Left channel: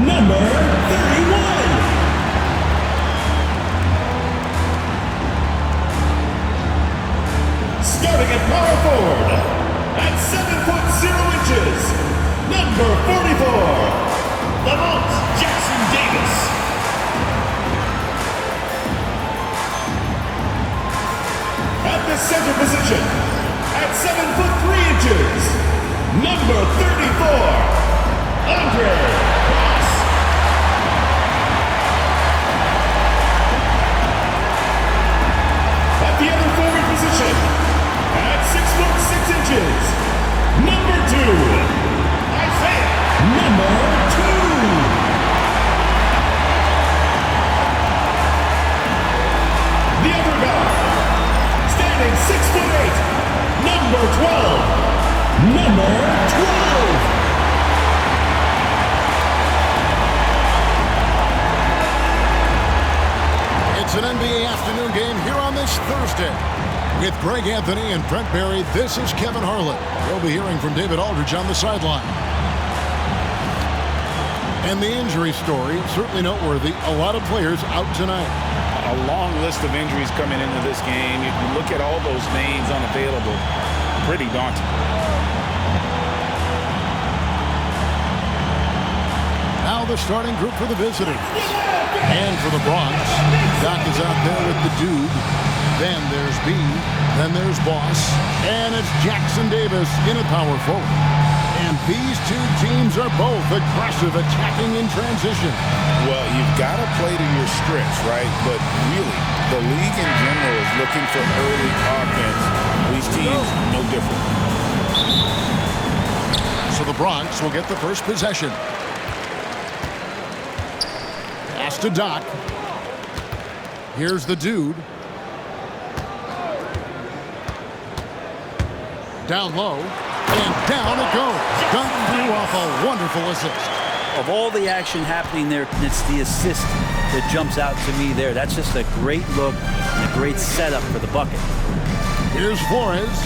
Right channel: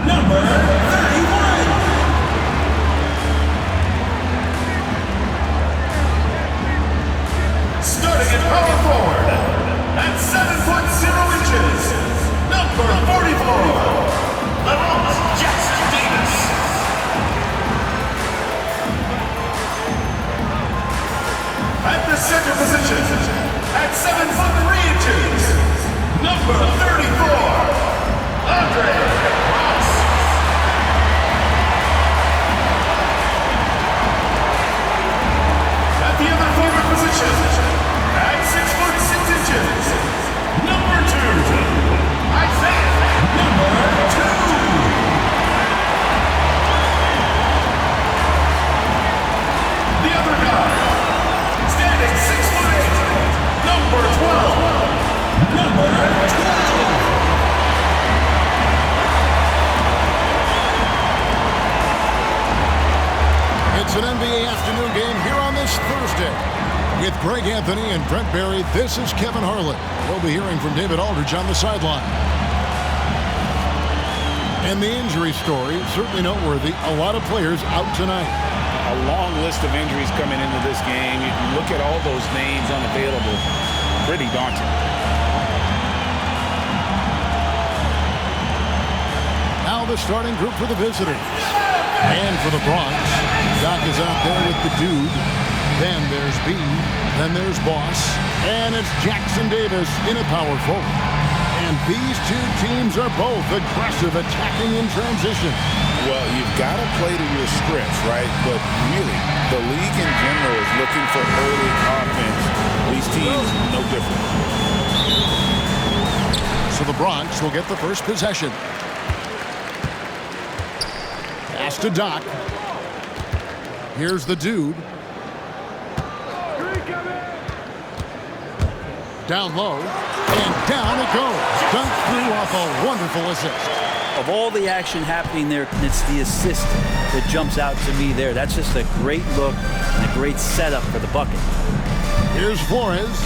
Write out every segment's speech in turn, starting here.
number 31. Starting at power forward, at 7 foot 0 inches, number 44, Bronx Davis. At the center position, at 7 foot 3 inches, number 34, at the other forward position, at 6 foot 6 inches, number 2, Isaiah, number 2. The other guy, standing 6 foot 8, number 12, number 12. It's an NBA afternoon game here on this Thursday. With Greg Anthony and Brent Barry, this is Kevin Harlan. We'll be hearing from David Aldridge on the sideline. And the injury story, certainly noteworthy. A lot of players out tonight. A long list of injuries coming into this game. You look at all those names unavailable. Pretty daunting. Now the starting group for the visitors. And for the Bronx, Doc is out there with the dude. Then there's B. Then there's Boss. And it's Jackson Davis in a power forward. And these two teams are both aggressive, attacking in transition. Well, you've got to play to your strengths, right? But really, the league in general is looking for early offense. These teams, no different. So the Bronx will get the first possession. Pass to Doc. Here's the dude. Down low. And down it goes. Dunked through off a wonderful assist. Of all the action happening there, it's the assist that jumps out to me there. That's just a great look and a great setup for the bucket. Here's Flores.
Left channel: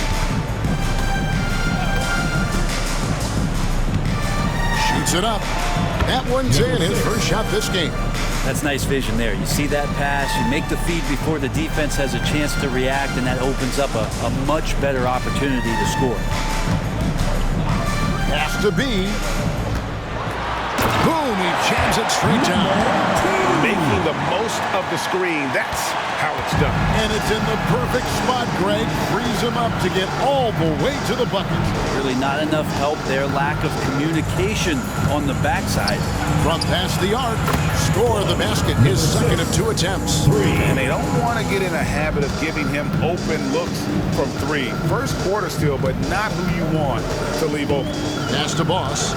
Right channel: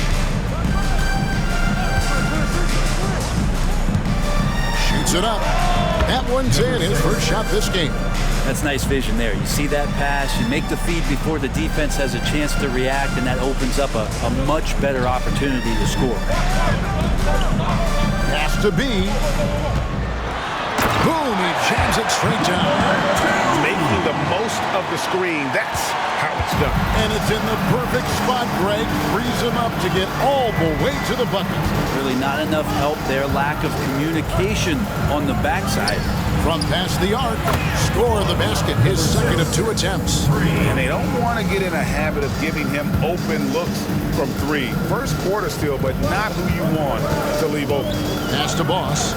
Shoots it up. That one's in, his first shot this game. That's nice vision there. You see that pass, you make the feed before the defense has a chance to react, and that opens up a much better opportunity to score. Pass to B. Boom, he jams it straight down. Making the most of the screen, that's how it's done. And it's in the perfect spot, Greg. Frees him up to get all the way to the bucket. Really not enough help there. Lack of communication on the backside. From past the arc, score the basket, his second of 2 attempts. And they don't want to get in a habit of giving him open looks from 3. First quarter still, but not who you want to leave open. Pass to Boss.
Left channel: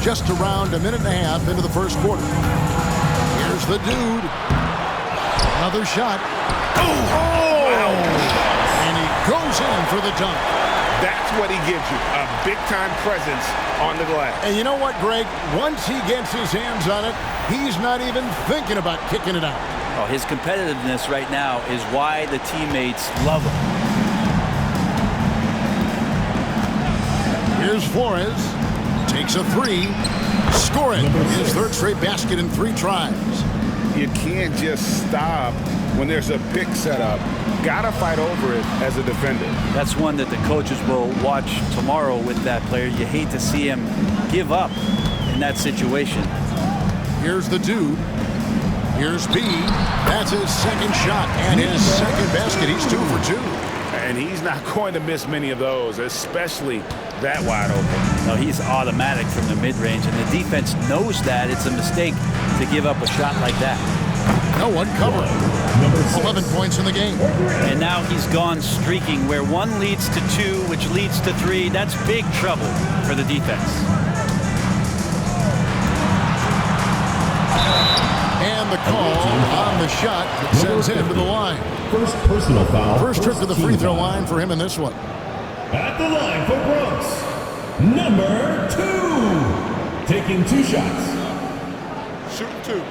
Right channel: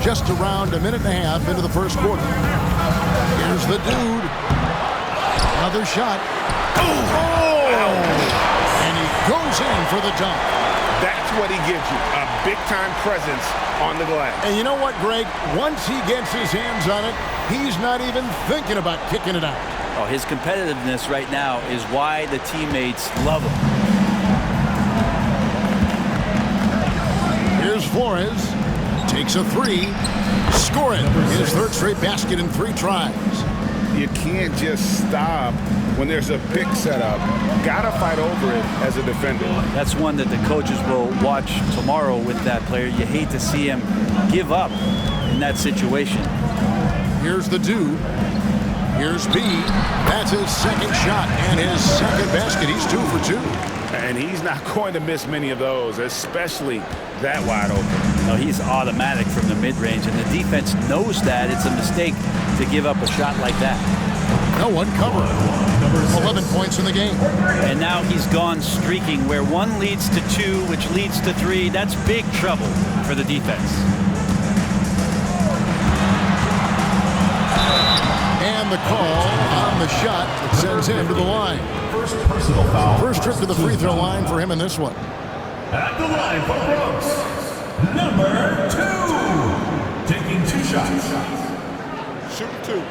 Just around a minute and a half into the first quarter. Here's the dude. Another shot. Oh! And he goes in for the dunk. That's what he gives you, a big-time presence on the glass. And you know what, Greg? Once he gets his hands on it, he's not even thinking about kicking it out. Oh, his competitiveness right now is why the teammates love him. Here's Flores. Takes a 3. Score it. His third straight basket in 3 tries. You can't just stop when there's a pick set up. Gotta fight over it as a defender. That's one that the coaches will watch tomorrow with that player. You hate to see him give up in that situation. Here's the dude. Here's B. That's his second shot and his second basket. He's 2 for 2. And he's not going to miss many of those, especially that wide open. No, he's automatic from the mid-range, and the defense knows that. It's a mistake to give up a shot like that. No one covered. 11 points in the game. And now he's gone streaking where 1 leads to 2, which leads to 3. That's big trouble for the defense. And the call on the shot that sends him to the line. First personal foul. First trip to the free throw line for him in this one. At the line for Bronx, number 2. Taking 2 shots. Shooting 2.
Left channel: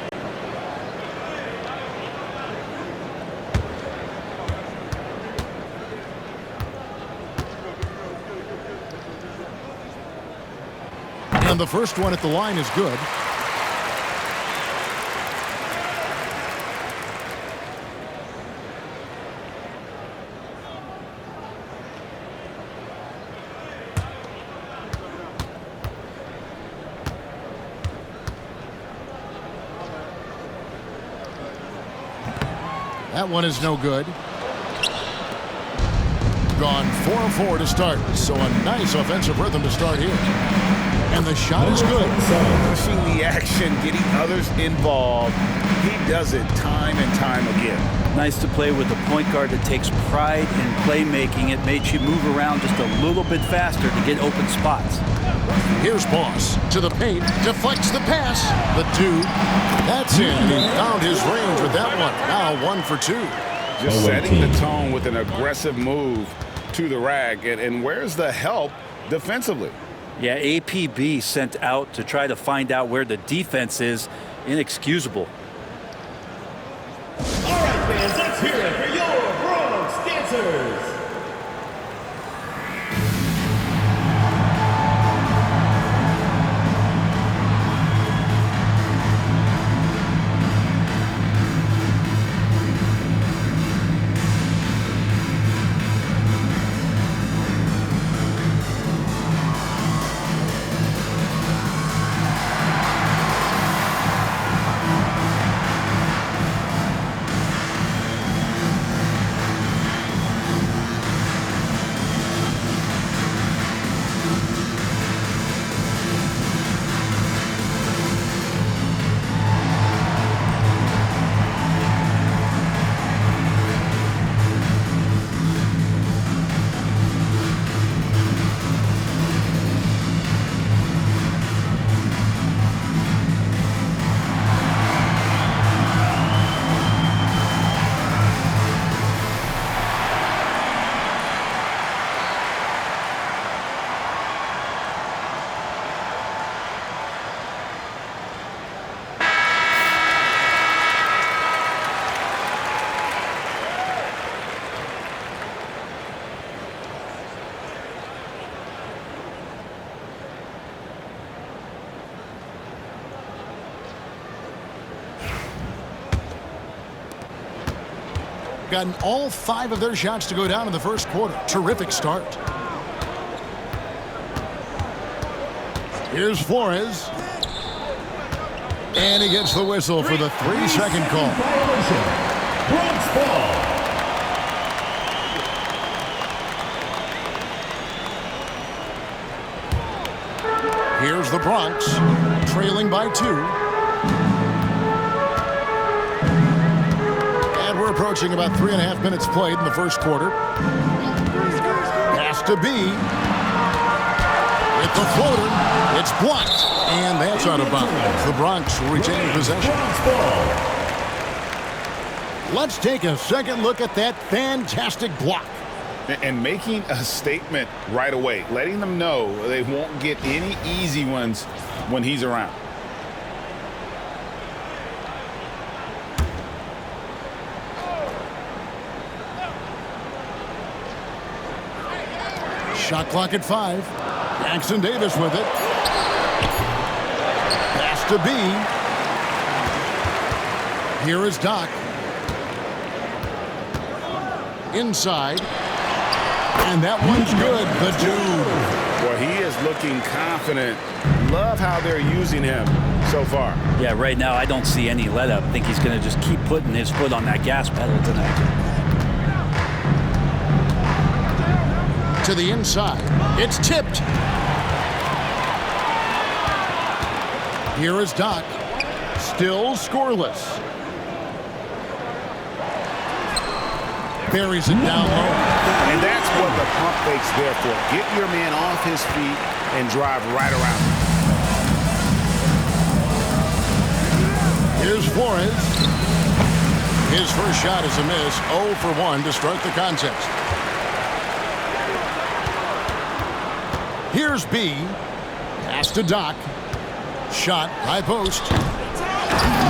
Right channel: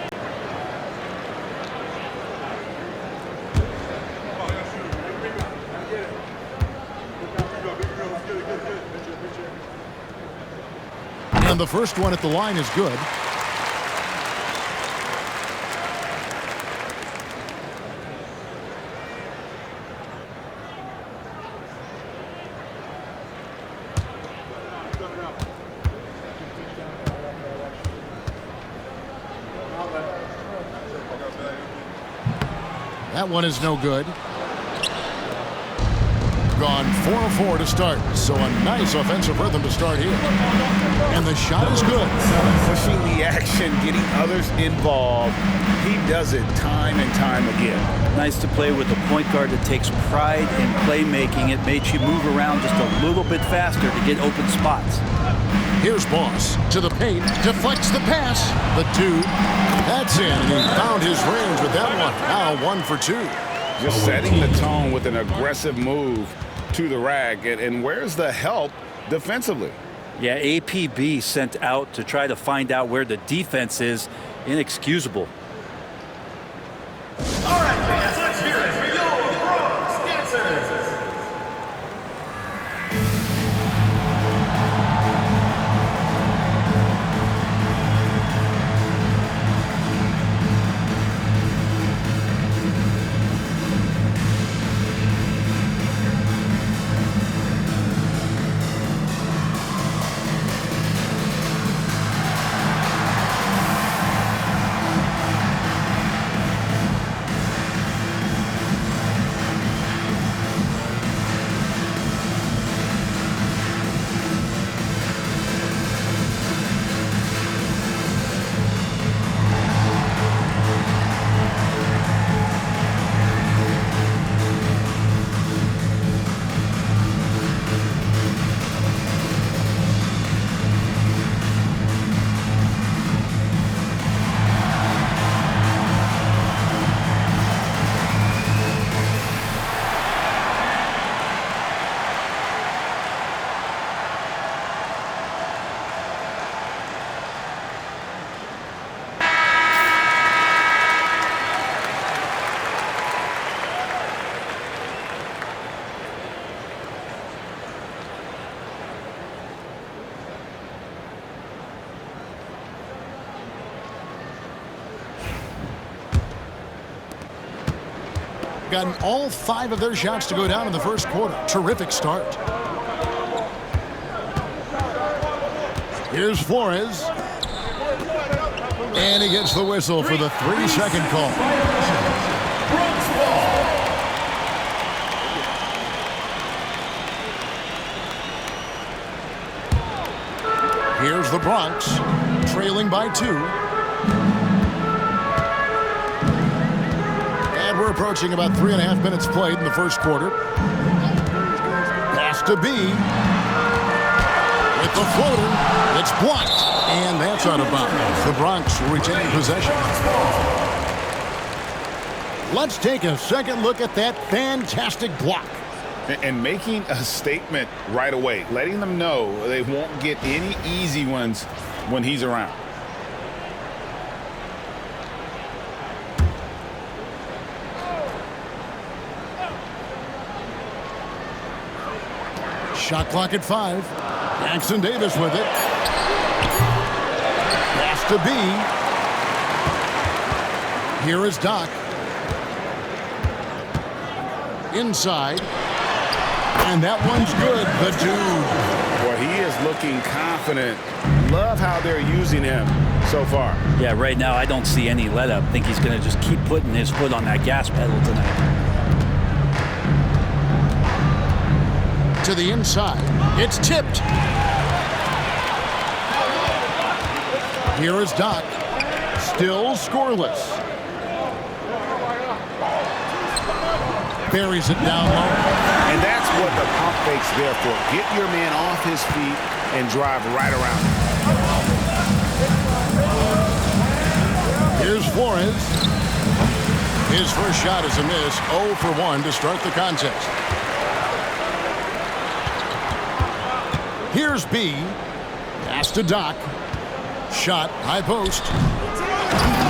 And the first one at the line is good. That one is no good. Gone 4-4 to start, so a nice offensive rhythm to start here. And the shot is good. Pushing the action, getting others involved. He does it time and time again. Nice to play with a point guard that takes pride in playmaking. It makes you move around just a little bit faster to get open spots. Here's Boss to the paint, deflects the pass. The dude, that's in, and he found his range with that one. Now 1 for 2. Just setting the tone with an aggressive move to the rack. And where's the help defensively? Yeah, APB sent out to try to find out where the defense is. Inexcusable. All right, fans, let's hear it for your Bronx Dancers. Gotten all 5 of their shots to go down in the first quarter. Terrific start. Here's Flores. And he gets the whistle for the 3-second call. Bronx ball. Here's the Bronx, trailing by 2. And we're approaching about 3.5 minutes played in the first quarter. Pass to B. With the floater, it's blocked. And that's out of bounds. The Bronx will retain possession. Let's take a second look at that fantastic block. And making a statement right away, letting them know they won't get any easy ones when he's around. Shot clock at 5. Jackson Davis with it. Pass to B. Here is Doc. Inside. And that one's good. The dude. Boy, he is looking confident. Love how they're using him so far. Yeah, right now I don't see any let up. I think he's going to just keep putting his foot on that gas pedal tonight. To the inside. It's tipped. Here is Doc. Still scoreless. Buries it down low. And that's what the pump fake's there for. Get your man off his feet and drive right around him. Here's Flores. His first shot is a miss. 0 for 1 to start the contest. Here's B. Pass to Doc. Shot, high post.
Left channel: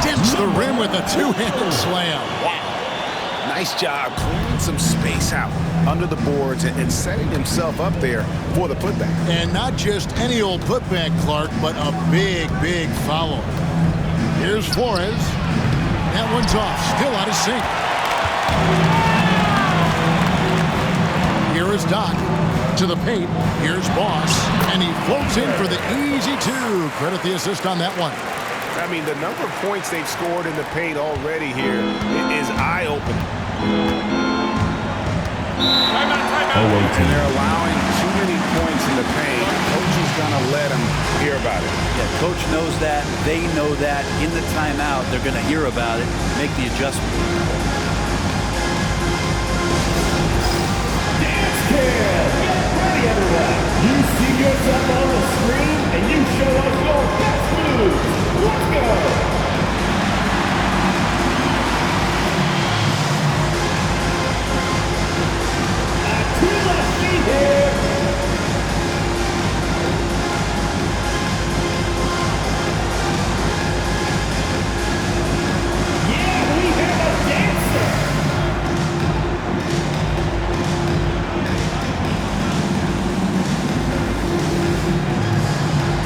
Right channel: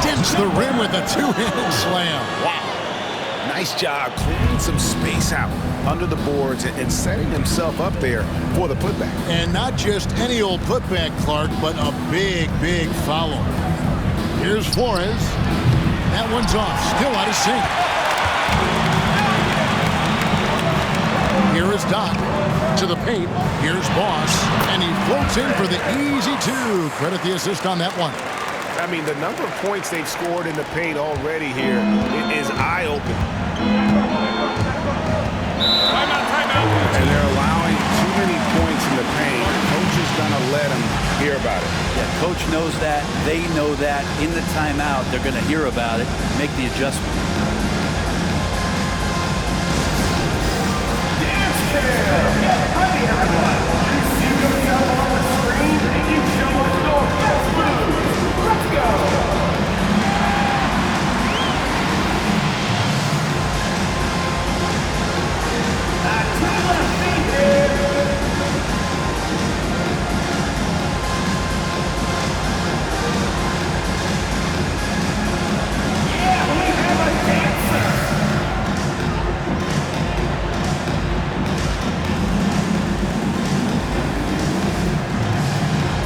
Dents the rim with a two-handed slam. Wow. Nice job clearing some space out under the boards and setting himself up there for the putback. And not just any old putback, Clark, but a big, big foul. Here's Flores. That one's off, still out of sync. Here is Doc to the paint. Here's Boss, and he floats in for the easy two. Credit the assist on that one. I mean, the number of points they've scored in the paint already here is eye-opening. Timeout. And they're allowing too many points in the paint. Coach is going to let them hear about it. Yeah, coach knows that. They know that. In the timeout, they're going to hear about it, make the adjustment. Dance cam! Get ready, everyone! You see yourself on the screen, and you show us your best moves. Let's go! To the left feet here. Yeah, we have a dancer.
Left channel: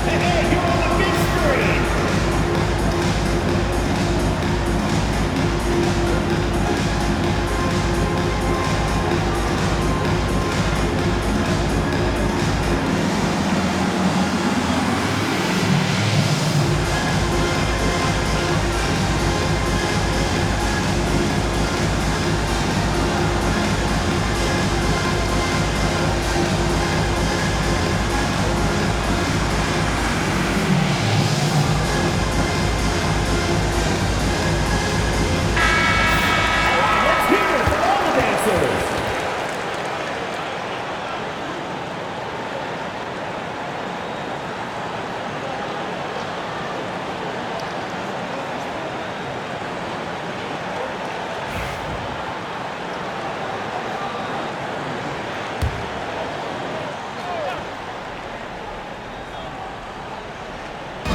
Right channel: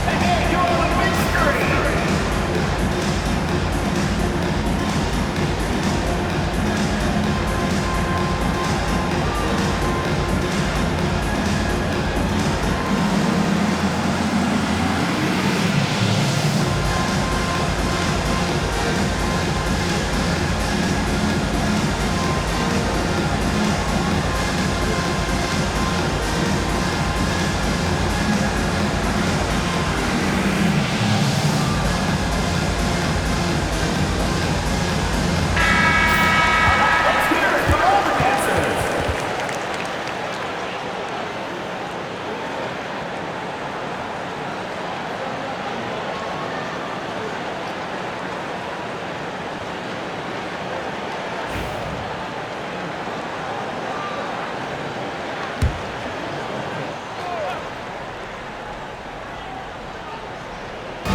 Hey, you're on the big screen.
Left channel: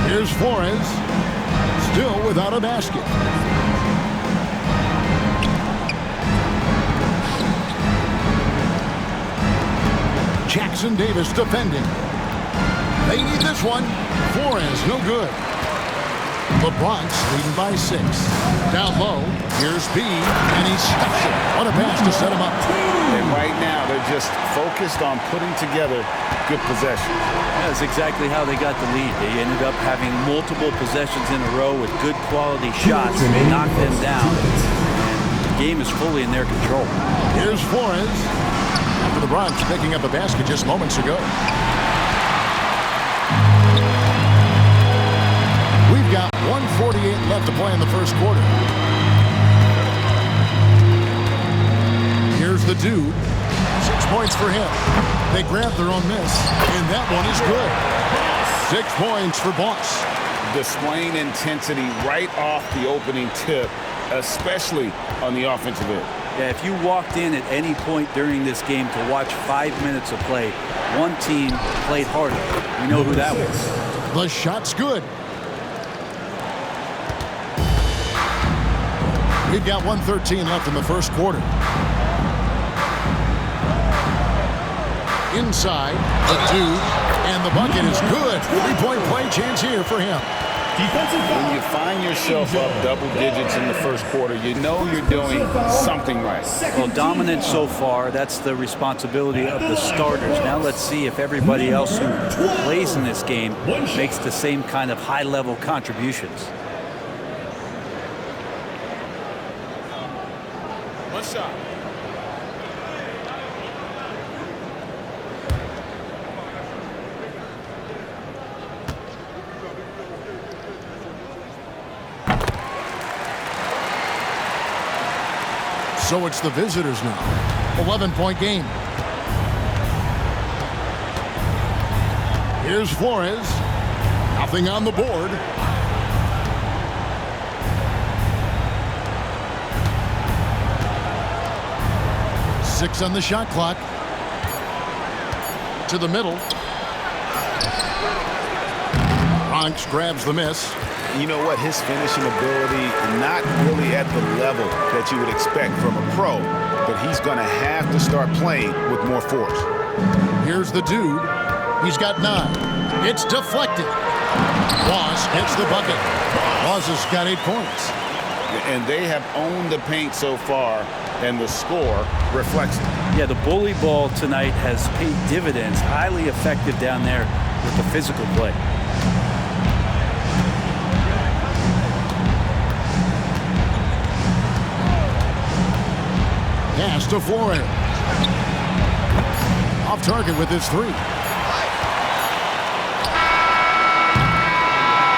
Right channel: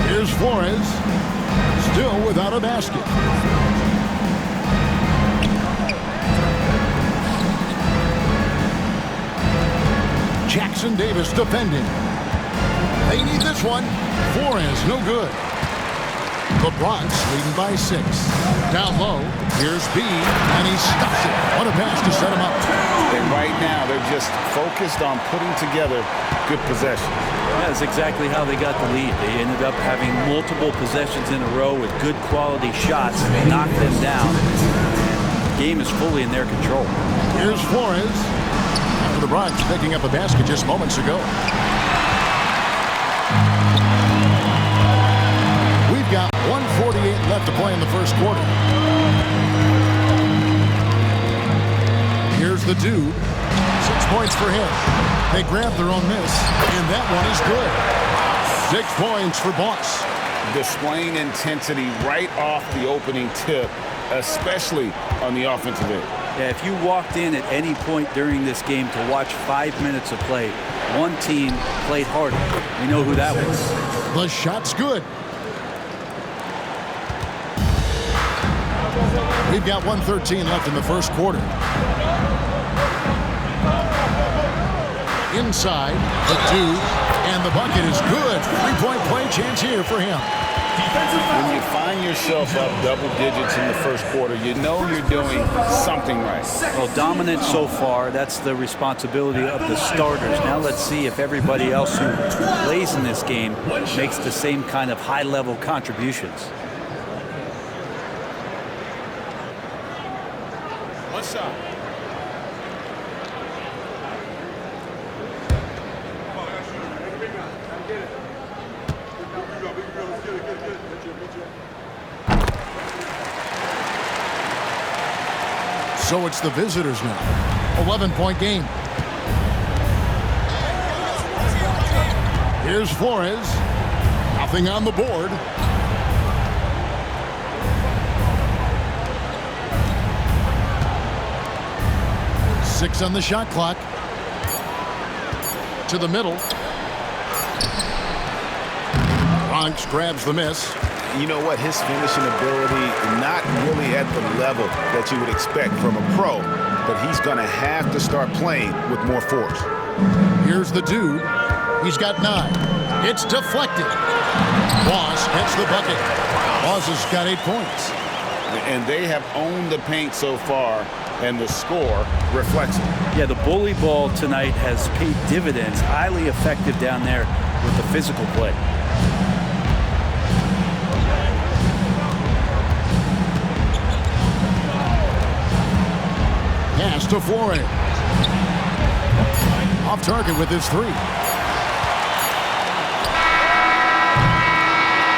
Here's Flores, still without a basket. Jackson Davis defending. They need this one. Flores, no good. The Bronx leading by 6. Down low, here's B, and he stuffs it. What a pass to set him up. And right now, they're just focused on putting together good possessions. Yeah, that's exactly how they got the lead. They ended up having multiple possessions in a row with good quality shots, knocked them down, and the game is fully in their control. Here's Flores, after the Bronx picking up a basket just moments ago. We've got 1:48 left to play in the first quarter. Here's the dude. 6 points for him. They grabbed their own miss, and that one is good. 6 points for Boss. Displaying intensity right off the opening tip, especially on the offensive end. Yeah, if you walked in at any point during this game to watch 5 minutes of play, one team played harder. We know who that was. The shot's good. We've got 1:13 left in the first quarter. Inside, the dude, and the bucket is good. 3-point play chance here for him. When you find yourself up double digits in the first quarter, you know you're doing something right. Well, dominant so far. That's the responsibility of the starters. Now let's see if everybody else who plays in this game makes the same kind of high-level contributions. One shot. So it's the visitors now. 11-point game. Here's Flores. Nothing on the board. Six on the shot clock. To the middle. Bronx grabs the miss. You know what? His finishing ability, not really at the level that you would expect from a pro, but he's going to have to start playing with more force. Here's the dude. He's got 9. It's deflected. Boss hits the bucket. Boss has got 8 points. And they have owned the paint so far, and the score reflects it. Yeah, the bully ball tonight has paid dividends. Highly effective down there with the physical play. Pass to Flores. Off target with his 3.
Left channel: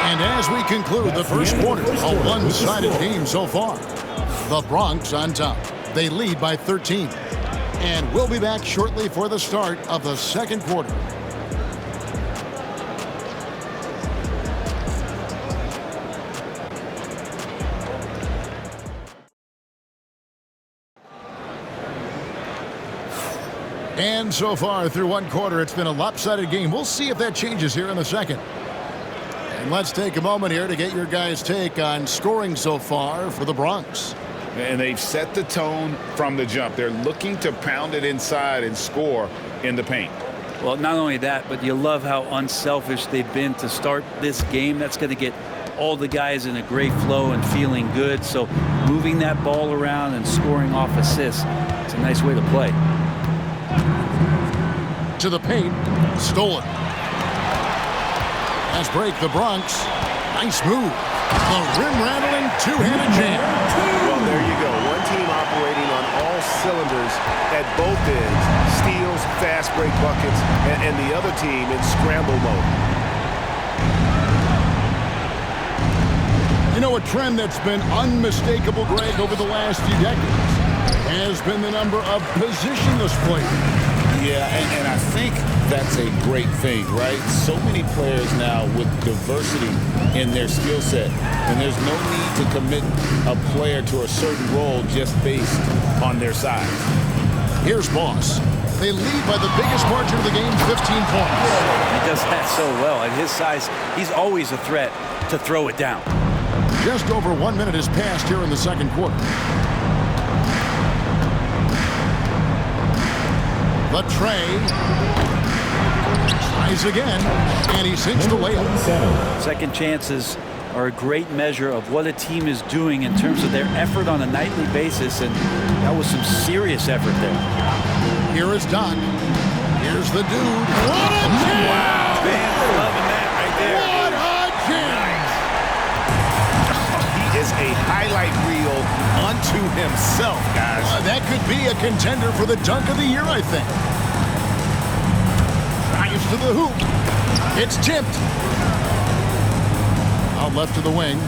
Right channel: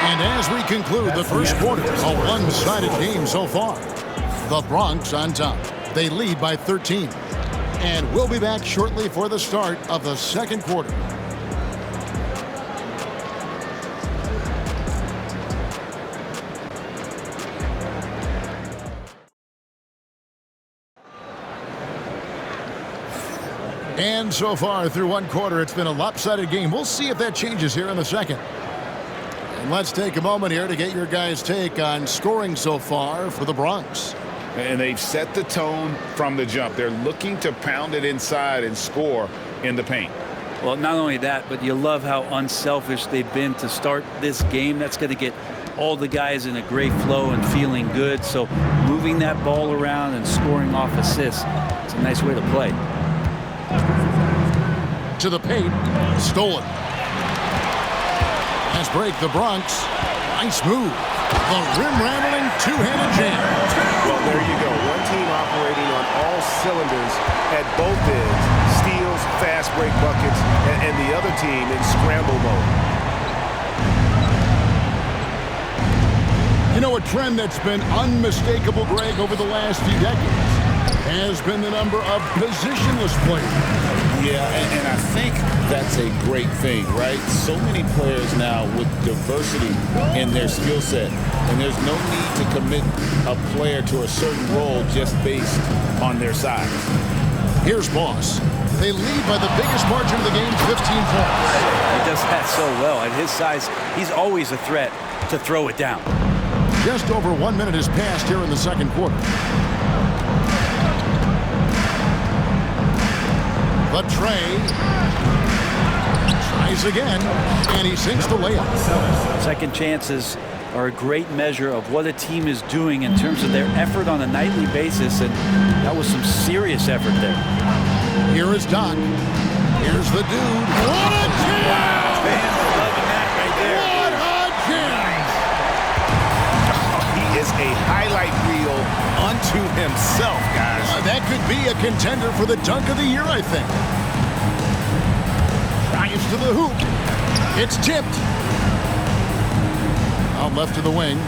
And as we conclude the first quarter, a one-sided game so far. The Bronx on top. They lead by 13. And we'll be back shortly for the start of the second quarter. And so far through one quarter, it's been a lopsided game. We'll see if that changes here in the second. And let's take a moment here to get your guys' take on scoring so far for the Bronx. And they've set the tone from the jump. They're looking to pound it inside and score in the paint. Well, not only that, but you love how unselfish they've been to start this game. That's going to get all the guys in a great flow and feeling good. So moving that ball around and scoring off assists, it's a nice way to play. To the paint, stolen. Pass break, the Bronx. Nice move. The rim-rattling two-handed jam. Well, there you go. One team operating on all cylinders at both ends. Steals, fast break buckets, and the other team in scramble mode. You know, a trend that's been unmistakable, Greg, over the last few decades has been the number of positionless players. Yeah, and I think that's a great thing, right? So many players now with diversity in their skill set, and there's no need to commit a player to a certain role just based on their size. Here's Boss. They lead by the biggest margin of the game, 15 points. He does that so well. At his size, he's always a threat to throw it down. Just over 1 minute has passed here in the second quarter. The tray. Tries again, and he sinks the layup. Second chances are a great measure of what a team is doing in terms of their effort on a nightly basis, and that was some serious effort there. Here is Doc. Here's the dude. What a jam! Wow, fans loving that right there. What a jam! He is a highlight reel unto himself, guys. That could be a contender for the dunk of the year, I think. Drives to the hoop. It's tipped. Out left to the wing.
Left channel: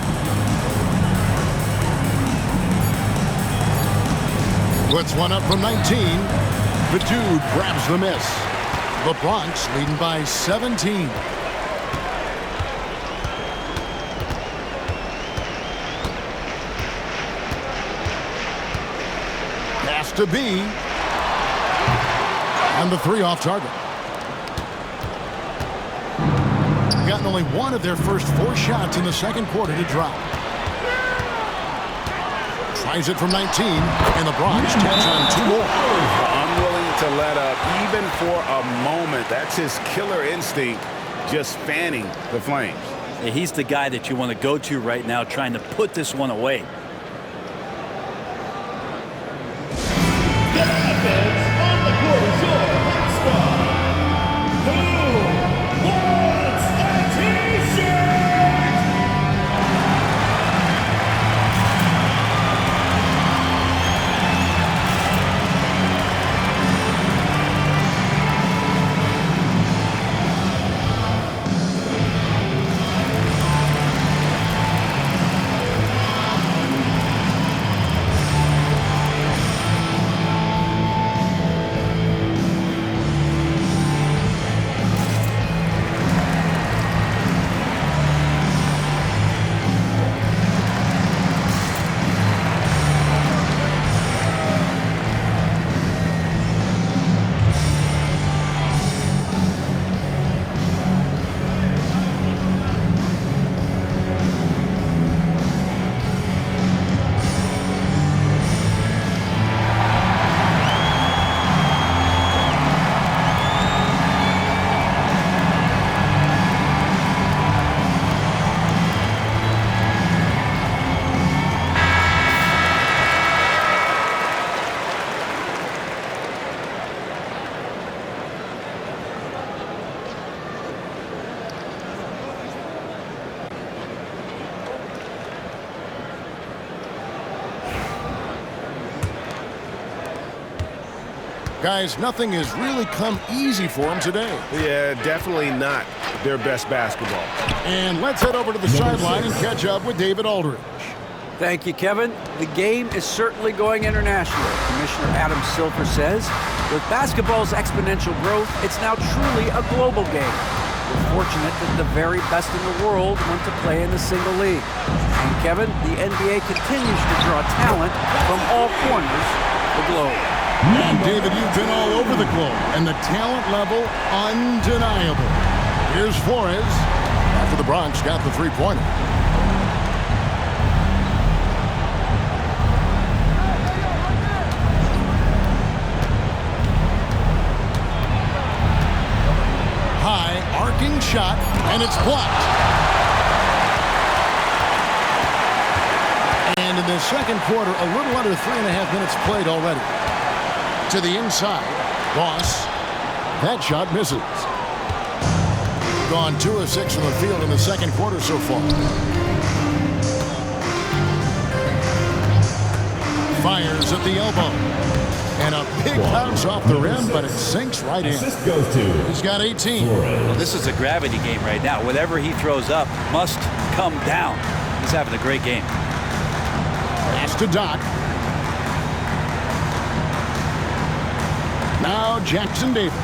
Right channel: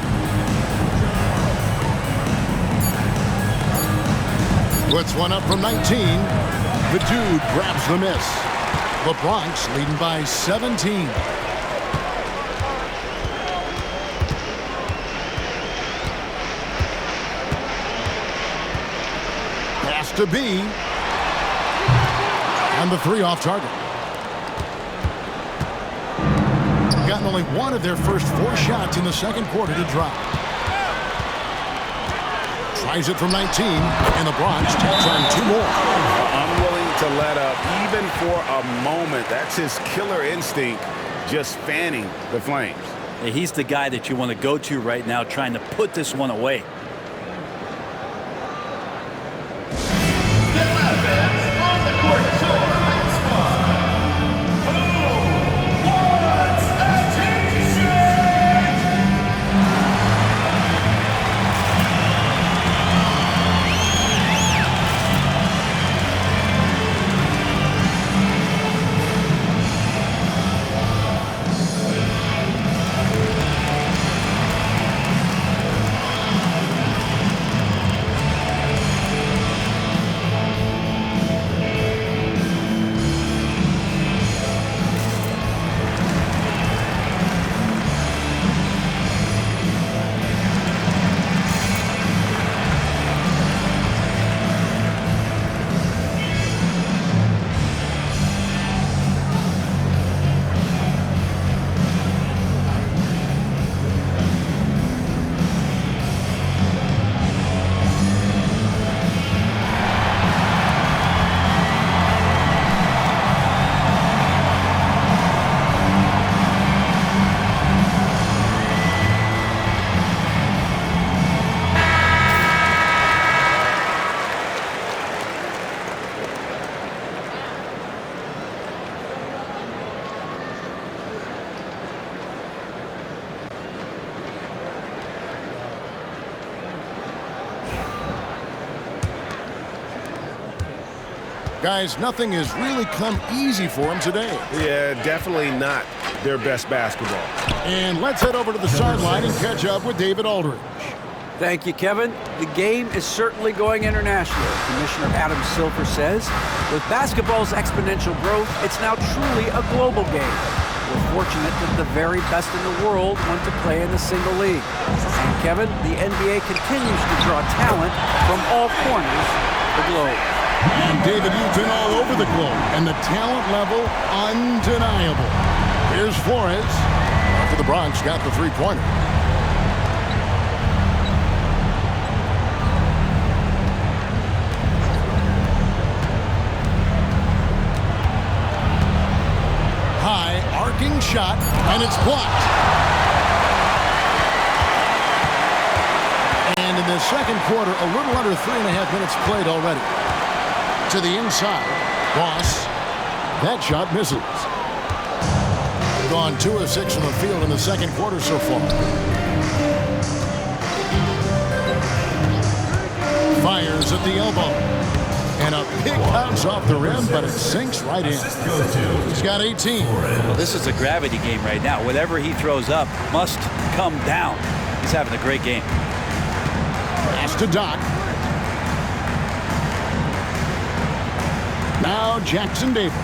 Puts one up from 19. The dude grabs the miss. The Bronx leading by 17. Pass to B. And the 3 off target. Gotten only one of their first 4 shots in the second quarter to drop. Tries it from 19, and the Bronx tacks on 2 more. Unwilling to let up even for a moment. That's his killer instinct, just fanning the flames. He's the guy that you want to go to right now, trying to put this one away. On the court, your high squad. Who wants a t-shirt? Guys, nothing has really come easy for them today. Yeah, definitely not their best basketball. And let's head over to the sideline and catch up with David Aldridge. Thank you, Kevin. The game is certainly going international. Commissioner Adam Silver says, with basketball's exponential growth, it's now truly a global game. We're fortunate that the very best in the world want to play in the single league. And Kevin, the NBA continues to draw talent from all corners of the globe. And David, you've been all over the globe, and the talent level undeniable. Here's Flores. After the Bronx got the three-pointer. High arcing shot, and it's blocked. And in the second quarter, a little under 3.5 minutes played already. To the inside, Boss. That shot misses. Gone 2 of 6 from the field in the second quarter so far. Fires at the elbow. And a big bounce off the rim, but it sinks right in. He's got 18. Well, this is a gravity game right now. Whatever he throws up must come down. He's having a great game. Pass to Doc. Now Jackson Davis.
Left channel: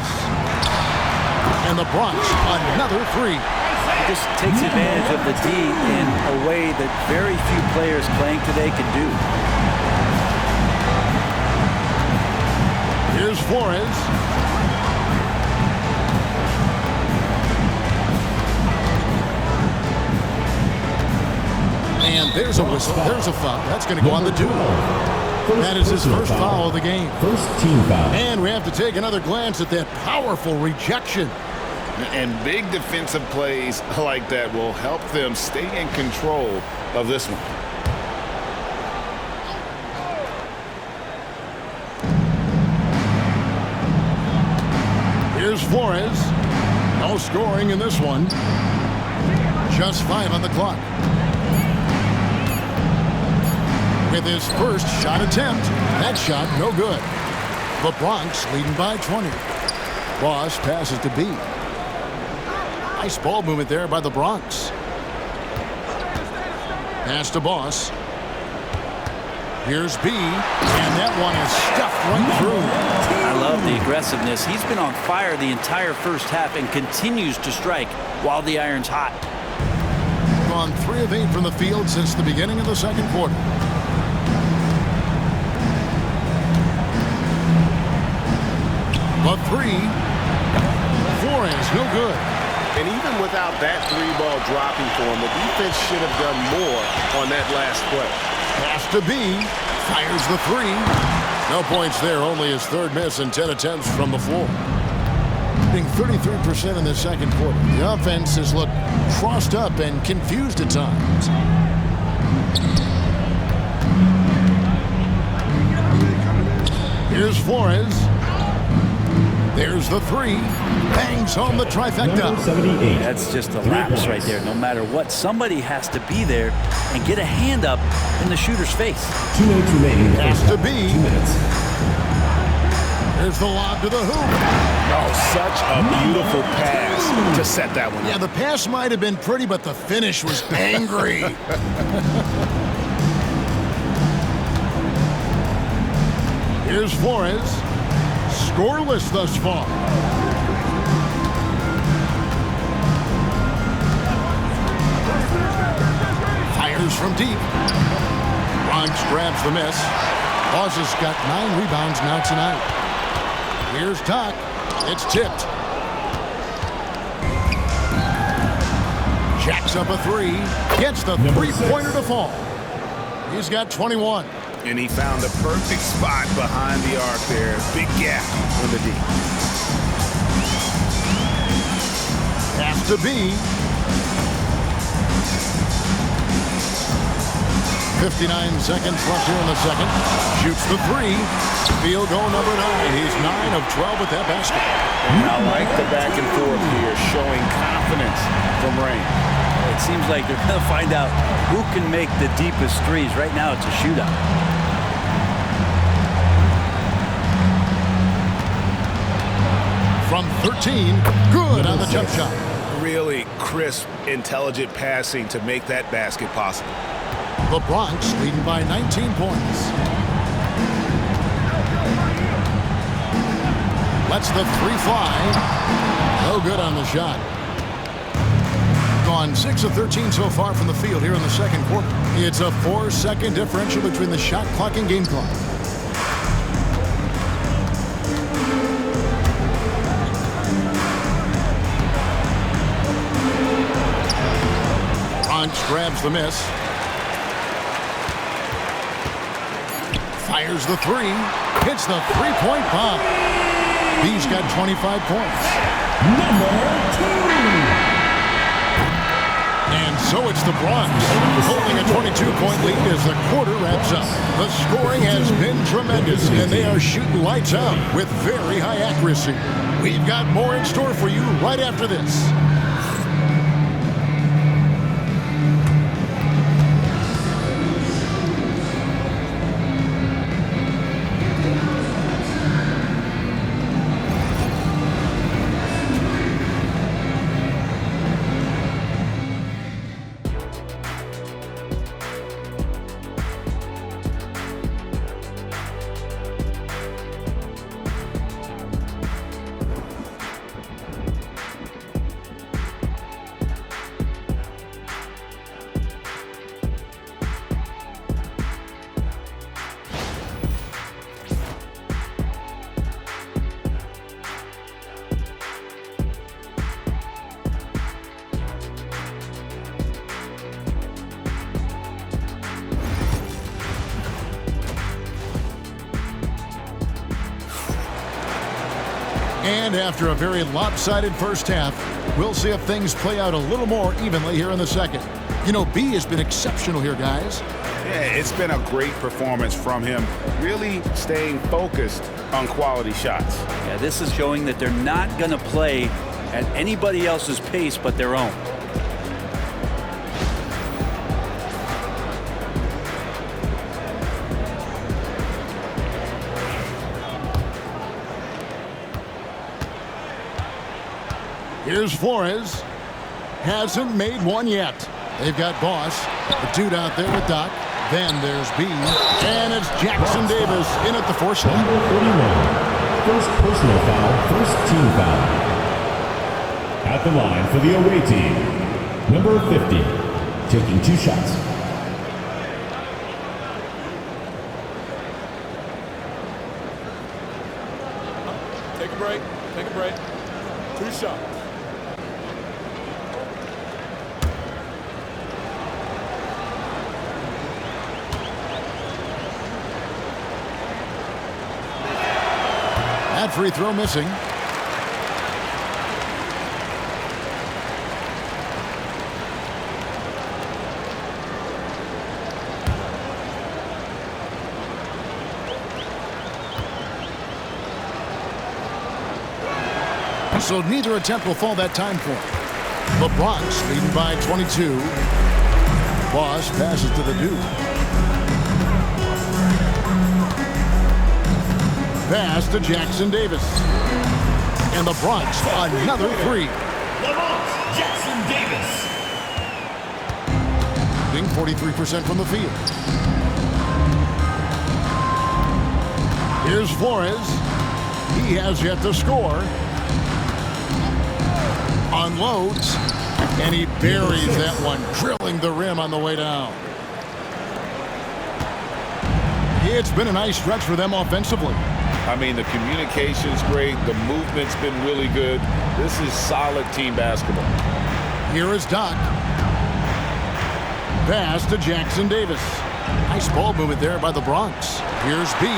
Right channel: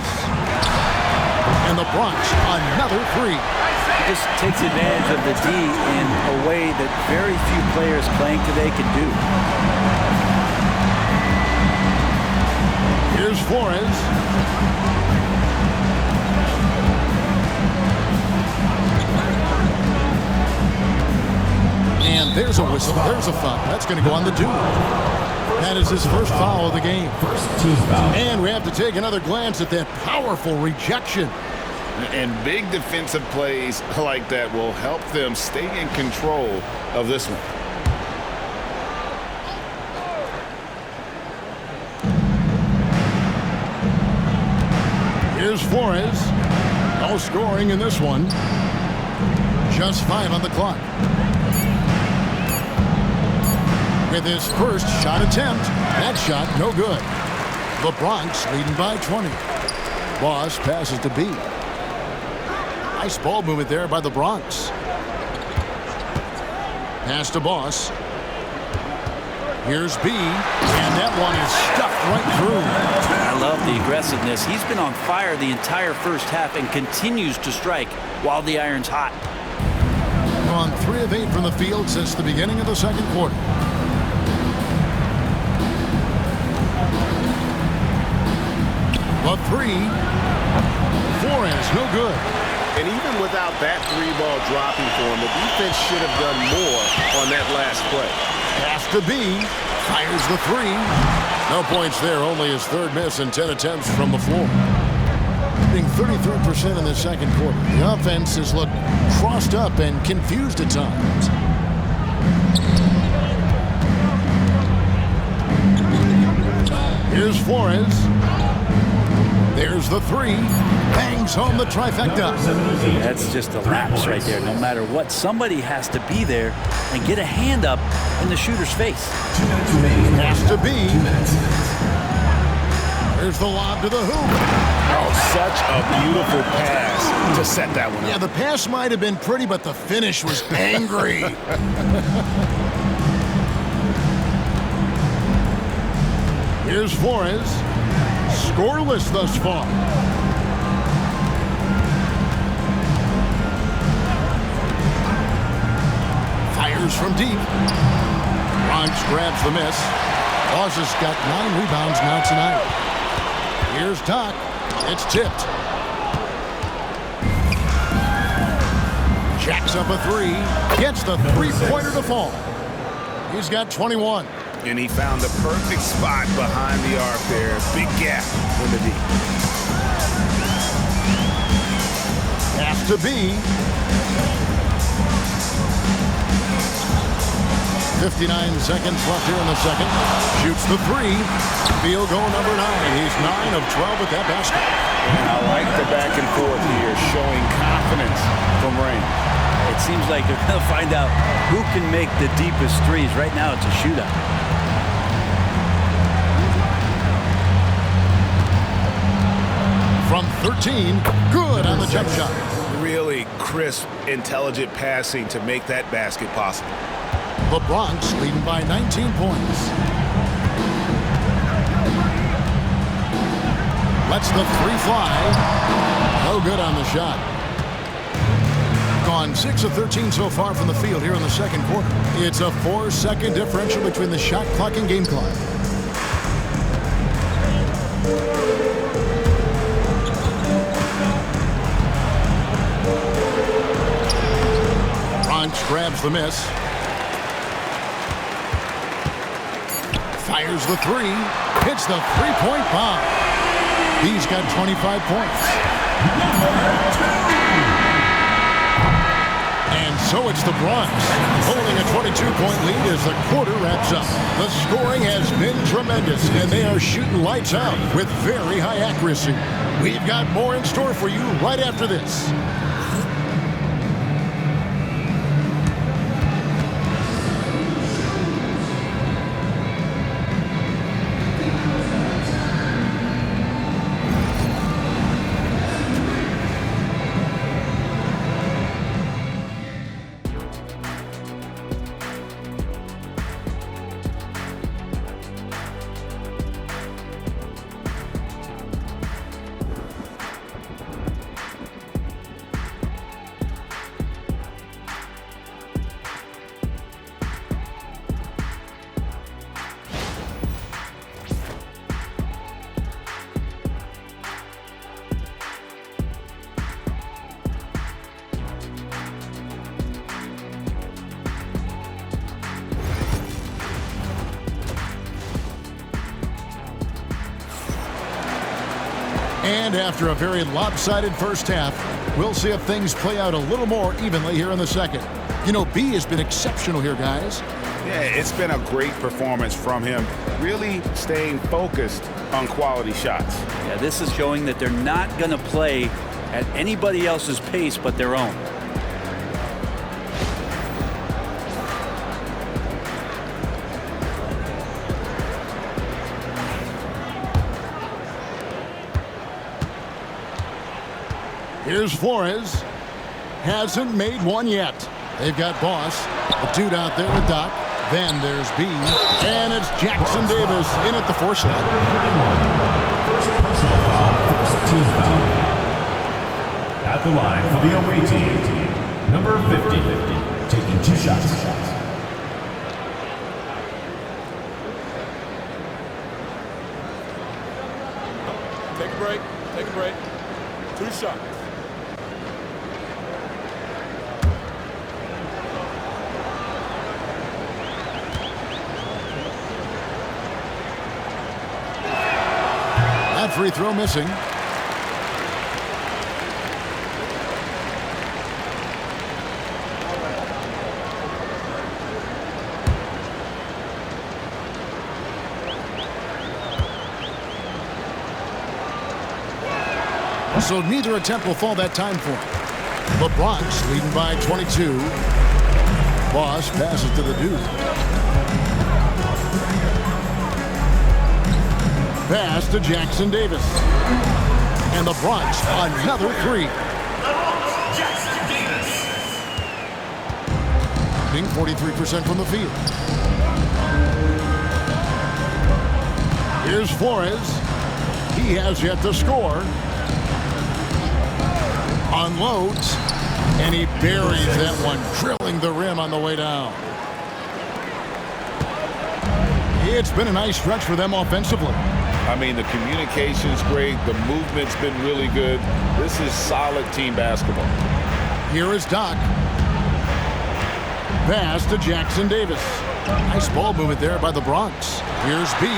And the Bronx, another three. He just takes advantage of the D in a way that very few players playing today can do. Here's Flores. And there's a whistle. There's a foul. That's going to go on the dude. That is his first foul of the game. First team foul. And we have to take another glance at that powerful rejection. And big defensive plays like that will help them stay in control of this one. Here's Flores. No scoring in this one. Just 5 on the clock. With his first shot attempt, that shot no good. The Bronx leading by 20. Boss passes to B. Nice ball movement there by the Bronx. Pass to Boss. Here's B, and that one is stuffed right through. I love the aggressiveness. He's been on fire the entire first half and continues to strike while the iron's hot. Gone 3 of 8 from the field since the beginning of the second quarter. The three. Flores, no good. And even without that 3-ball dropping for him, the defense should have done more on that last play. Pass to B. Fires the 3. No points there. Only his third miss in 10 attempts from the floor. Being 33% in the second quarter. The offense has looked crossed up and confused at times. Here's Flores. There's the 3. Bangs home the trifecta. That's just a lapse right there. No matter what, somebody has to be there and get a hand up in the shooter's face. 2 minutes remaining. Pass to B. 2 minutes. There's the lob to the hoop. Oh, such a beautiful pass to set that one up. Yeah, the pass might have been pretty, but the finish was angry. Here's Flores. Scoreless thus far. Fires from deep. Bronx grabs the miss. Boss has got 9 rebounds now tonight. Here's Doc. It's tipped. Jacks up a 3. Gets the three-pointer to fall. He's got 21. And he found the perfect spot behind the arc there. Big gap in the D. Pass to B. 59 seconds left here in the second. Shoots the 3. Field goal number 9. He's 9 of 12 with that basket. And I like the back and forth here, showing confidence from Rain. It seems like they're going to find out who can make the deepest threes. Right now, it's a shootout. from 13. Good on the jump shot. Really crisp, intelligent passing to make that basket possible. The Bronx leading by 19 points. Lets the three fly. No good on the shot. Gone 6 of 13 so far from the field here in the second quarter. It's a 4-second differential between the shot clock and game clock. Bronx grabs the miss. Fires the three. Hits the three-point bomb. B's got 25 points. Number 2. And so it's the Bronx holding a 22-point lead as the quarter wraps up. The scoring has been tremendous, and they are shooting lights out with very high accuracy. We've got more in store for you right after this. And after a very lopsided first half, we'll see if things play out a little more evenly here in the second. You know, B has been exceptional here, guys. Yeah, it's been a great performance from him, really staying focused on quality shots. Yeah, this is showing that they're not going to play at anybody else's pace but their own. Here's Flores. Hasn't made one yet. They've got Boss, the dude out there with Doc. Then there's B. And it's Jackson Davis in at the force line. Number 31. First personal foul, first team foul. At the line for the away team, number 50, taking 2 shots. Take a break. Take a break. 2 shots. That free throw missing. So neither attempt will fall that time for him. The Bronx leading by 22. Boss passes to the dude. Pass to Jackson Davis. And the Bronx, another three. The Bronx, Jackson Davis. Being 43% from the field. Here's Flores. He has yet to score. Unloads. And he buries that one, drilling the rim on the way down. It's been a nice stretch for them offensively. I mean, the communication's great. The movement's been really good. This is solid team basketball. Here is Doc. Pass to Jackson Davis. Nice ball movement there by the Bronx. Here's B.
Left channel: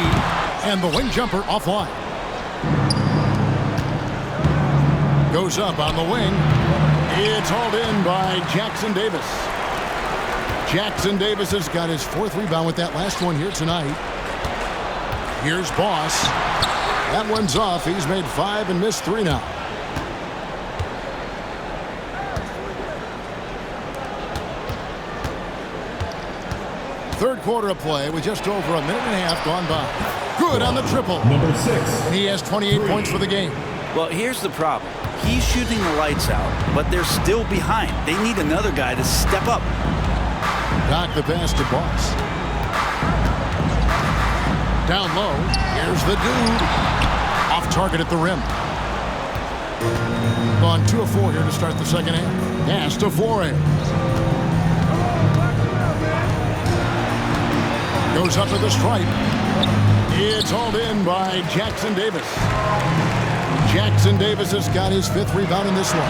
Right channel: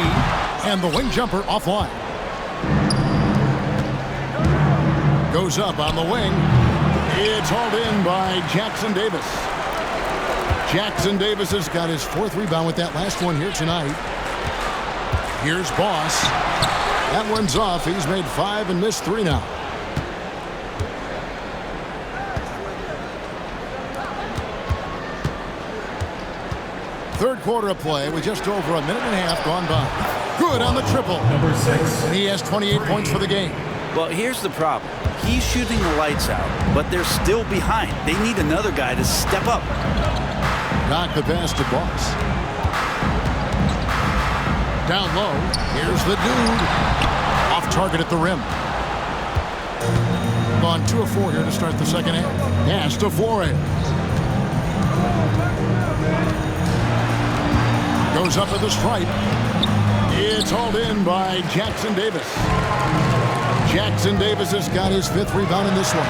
And the wing jumper offline. Goes up on the wing. It's hauled in by Jackson Davis. Jackson Davis has got his 4th rebound with that last one here tonight. Here's Boss. That one's off. He's made 5 and missed 3 now. Third quarter of play with just over a minute and a half gone by. Good on the triple. Number 6. And he has 28 points for the game. Well, here's the problem. He's shooting the lights out, but they're still behind. They need another guy to step up. Doc the pass to Boss. Down low. Here's the dude. Off target at the rim. Gone 2 of 4 here to start the second half. Pass to Flores. Goes up to the stripe. It's hauled in by Jackson Davis. Jackson Davis has got his 5th rebound in this one.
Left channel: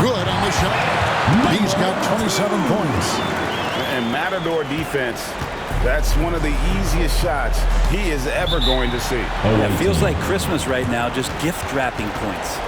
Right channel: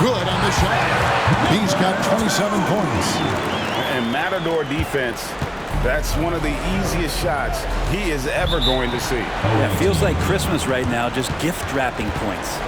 Good on the shot. He's got 27 points. And Matador defense, that's one of the easiest shots he is ever going to see. Yeah, it feels like Christmas right now, just gift wrapping points.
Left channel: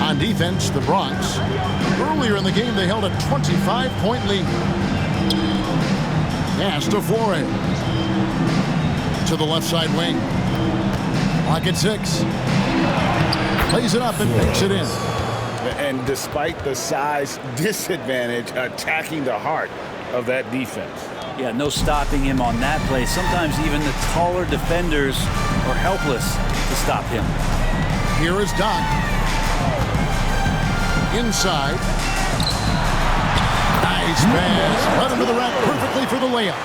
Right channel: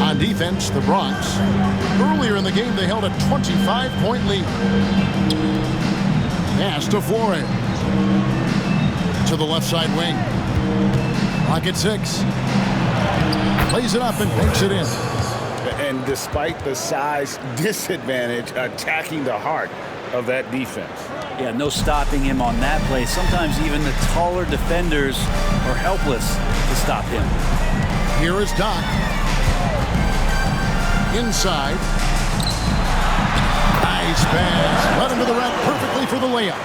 On defense, the Bronx. Earlier in the game, they held a 25-point lead. Pass to Flores. To the left side wing. Clock at 6. Plays it up and banks it in. And despite the size disadvantage, attacking the heart of that defense. Yeah, no stopping him on that play. Sometimes even the taller defenders are helpless to stop him. Here is Doc. Inside. Nice pass. Led him to the rack perfectly for the layup.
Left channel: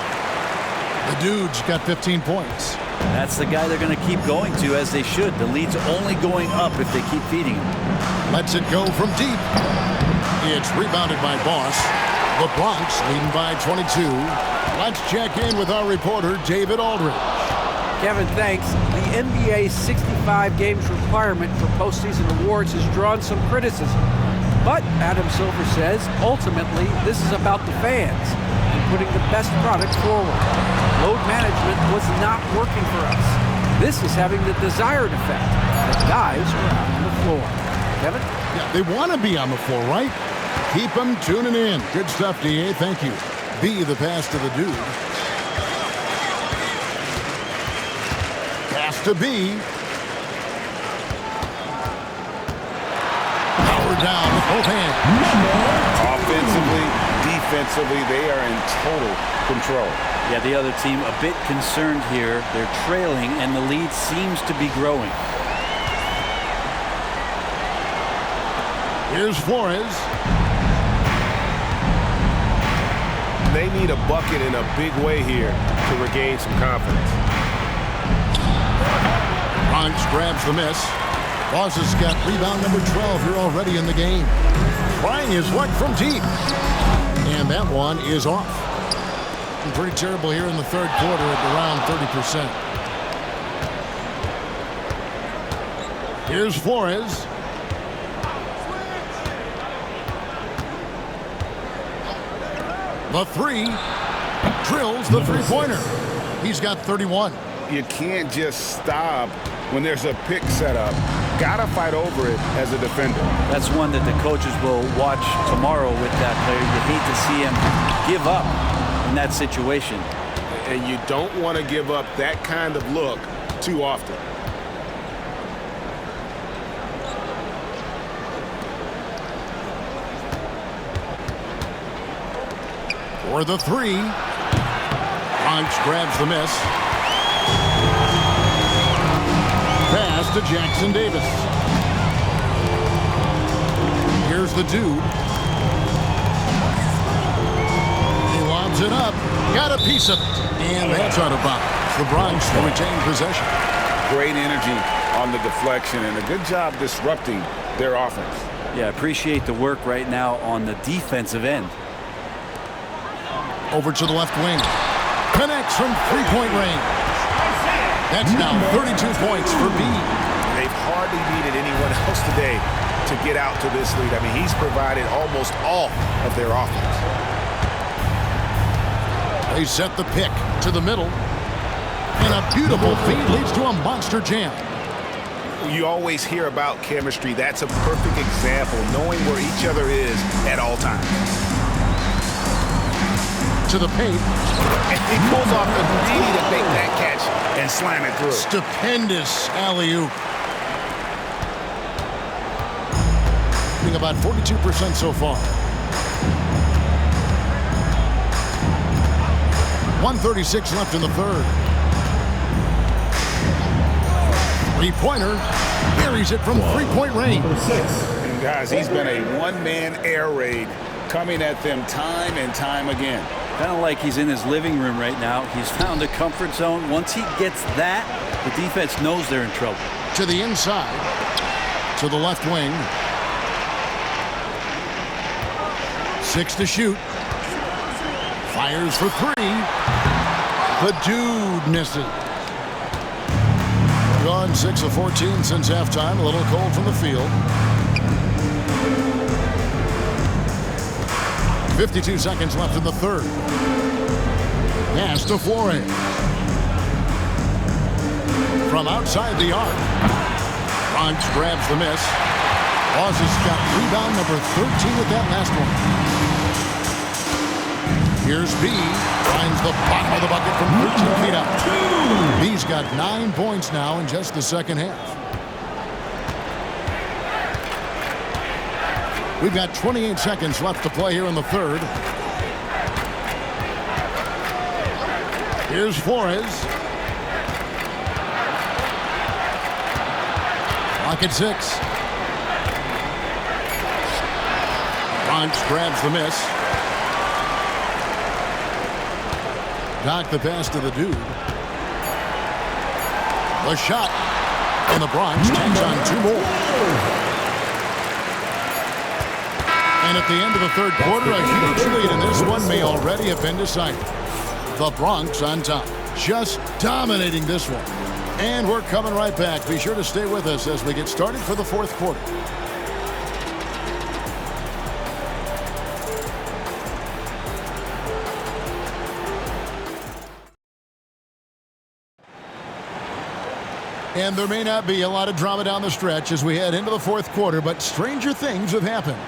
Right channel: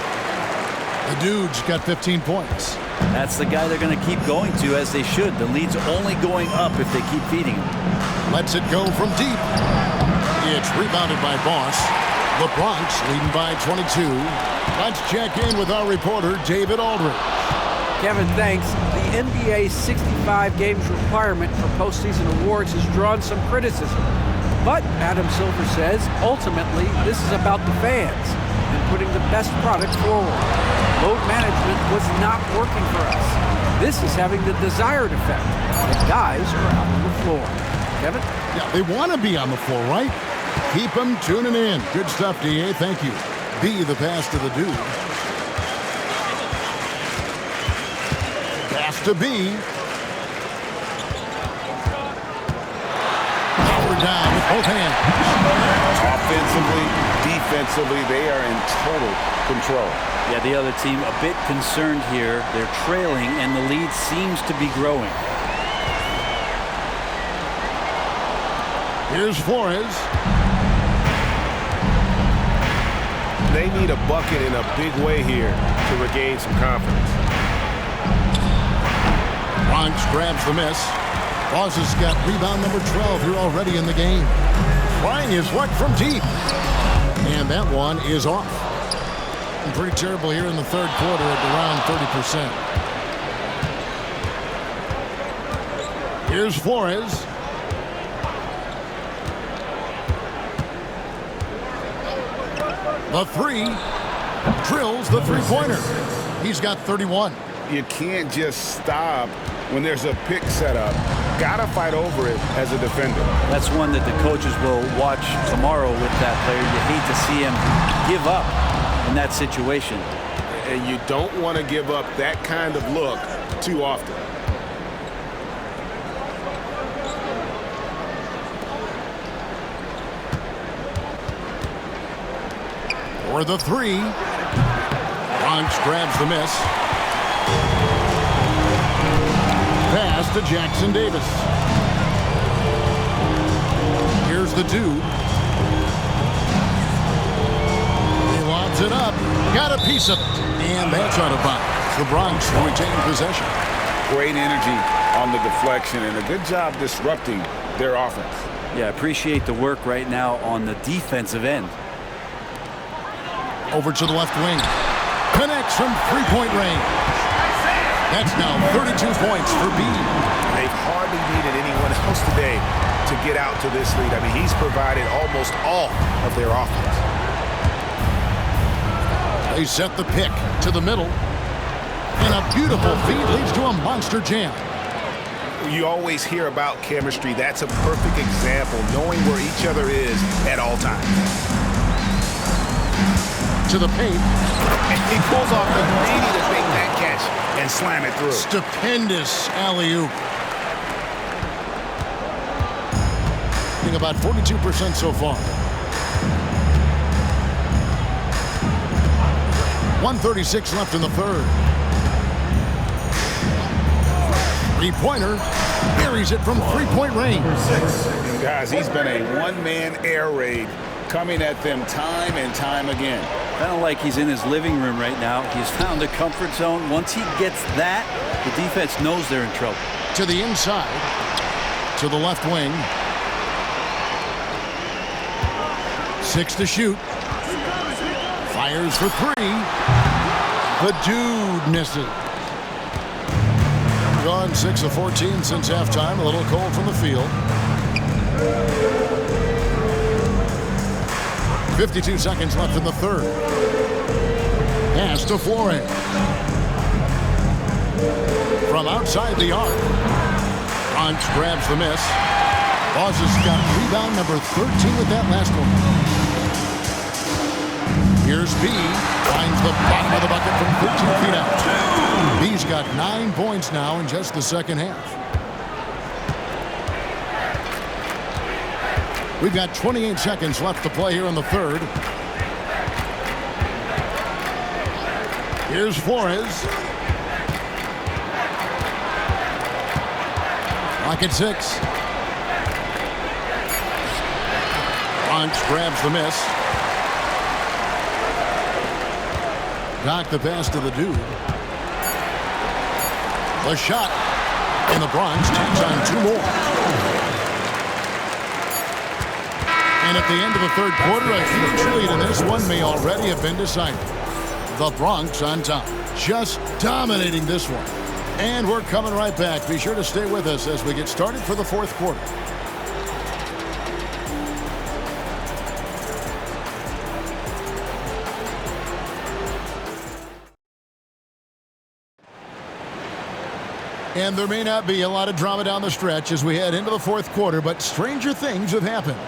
The dude's got 15 points. That's the guy they're going to keep going to, as they should. The lead's only going up if they keep feeding him. Lets it go from deep. It's rebounded by Boss. The Bronx leading by 22. Let's check in with our reporter, David Aldridge. Kevin, thanks. The NBA's 65 games requirement for postseason awards has drawn some criticism. But Adam Silver says, ultimately, this is about the fans and putting the best product forward. Load management was not working for us. This is having the desired effect. The guys are out on the floor. Kevin? Yeah, they want to be on the floor, right? Keep them tuning in. Good stuff, DA. Thank you. B, the pass to the dude. Pass to B. Power down with both hands. Offensively, defensively, they are in total control. Yeah, the other team a bit concerned here. They're trailing, and the lead seems to be growing. Here's Flores. They need a bucket in a big way here to regain some confidence. Bronx grabs the miss. Boss has got rebound number 12 here already in the game. Trying his luck from deep. And that one is off. Pretty terrible here in the third quarter at around 30%. Here's Flores. The three. Drills the three-pointer. He's got 31. You can't just stop when there's a pick set up. Gotta fight over it as a defender. That's one that the coaches will watch tomorrow with that player. You hate to see him give up in that situation. And you don't want to give up that kind of look too often. For the three. Bronx grabs the miss. Pass to Jackson Davis. Here's the dude. He lobs it up. Got a piece of it. And that's out of bounds. The Bronx will retain possession. Great energy on the deflection and a good job disrupting their offense. Yeah, appreciate the work right now on the defensive end. Over to the left wing. Connects from three-point range. That's now 32 points for B. They've hardly needed anyone else today to get out to this lead. I mean, he's provided almost all of their offense. They set the pick to the middle. And a beautiful feed leads to a monster jam. You always hear about chemistry. That's a perfect example, knowing where each other is at all times. To the paint. And he pulls off the Houdini to make that catch and slam it through. Stupendous alley-oop. Shooting about 42% so far. 1:36 left in the third. Three-pointer. Buries it from three-point range. And guys, he's been a one-man air raid coming at them time and time again. Kind of like he's in his living room right now. He's found a comfort zone. Once he gets that, the defense knows they're in trouble. To the inside. To the left wing. 6 to shoot. Fires for three. The dude misses. Gone 6 of 14 since halftime. A little cold from the field. 52 seconds left in the third. Pass to Flores. From outside the arc. Bronx grabs the miss. Boss has got rebound number 13 with that last one. Here's B. Finds the bottom of the bucket from 13 feet out. B's got 9 points now in just the second half. We've got 28 seconds left to play here in the third. Here's Flores. Clock at 6. Bronx grabs the miss. Dock the pass to the dude. The shot. And the Bronx tacks on 2 more. And at the end of the third quarter, a huge lead, and this one may already have been decided. The Bronx on top, just dominating this one. And we're coming right back. Be sure to stay with us as we get started for the fourth quarter. And there may not be a lot of drama down the stretch as we head into the fourth quarter, but stranger things have happened.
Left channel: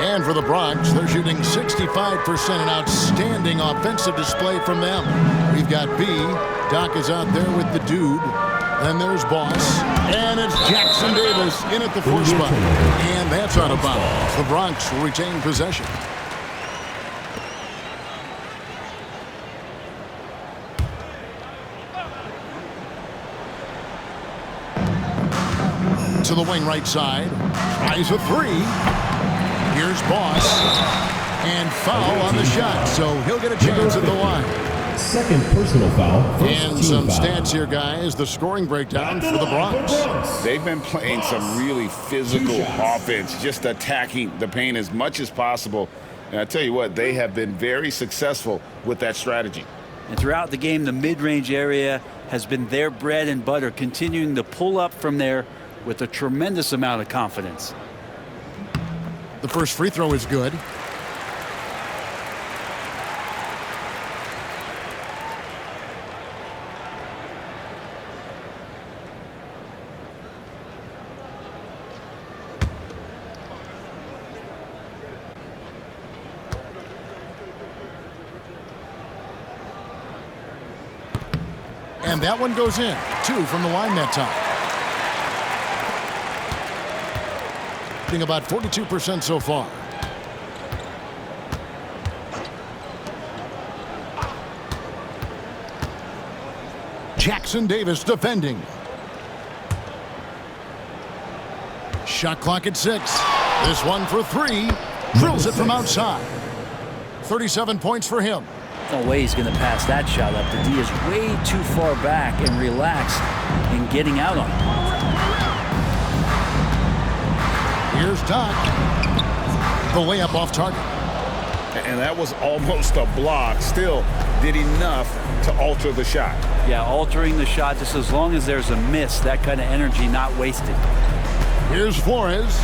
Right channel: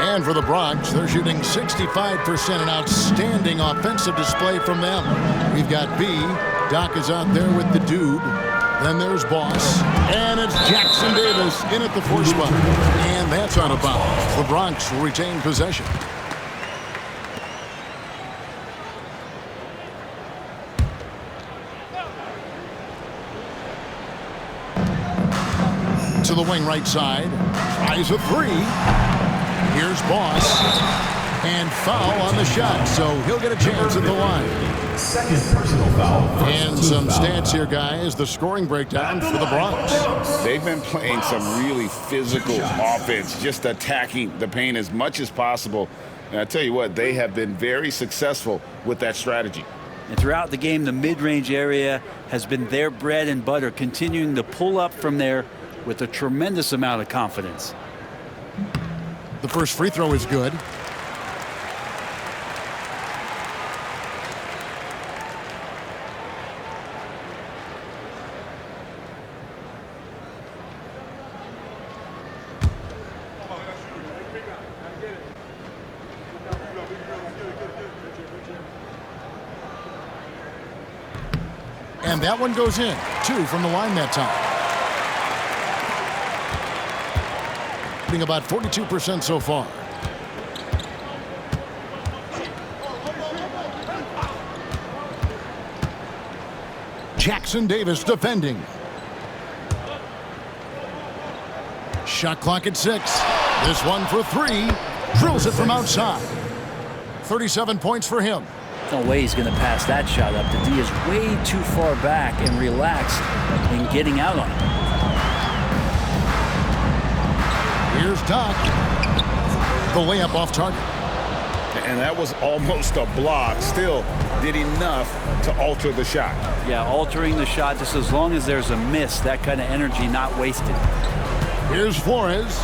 And for the Bronx, they're shooting 65%, an outstanding offensive display from them. We've got B. Doc is out there with the dude. Then there's Boss. And it's Jackson Davis in at the 4 spot. And that's out of bounds. The Bronx will retain possession. To the wing right side. Tries a 3. Here's Boss. And foul on the shot, so he'll get a chance at the line. Second personal foul. And some stats here, guys. The scoring breakdown for the Bronx. They've been playing some really physical offense, just attacking the paint as much as possible. And I tell you what, they have been very successful with that strategy. And throughout the game, the mid-range area has been their bread and butter, continuing to pull up from there with a tremendous amount of confidence. The first free throw is good. And that one goes in. 2 from the line that time. Shooting about 42% so far. Jackson Davis defending. Shot clock at 6. This one for 3. Drills it from outside. 37 points for him. No way he's going to pass that shot up. The D is way too far back and relaxed in getting out on him. Here's Doc. The layup off target. And that was almost a block. Still did enough to alter the shot. Yeah, altering the shot just as long as there's a miss. That kind of energy not wasted. Here's Flores.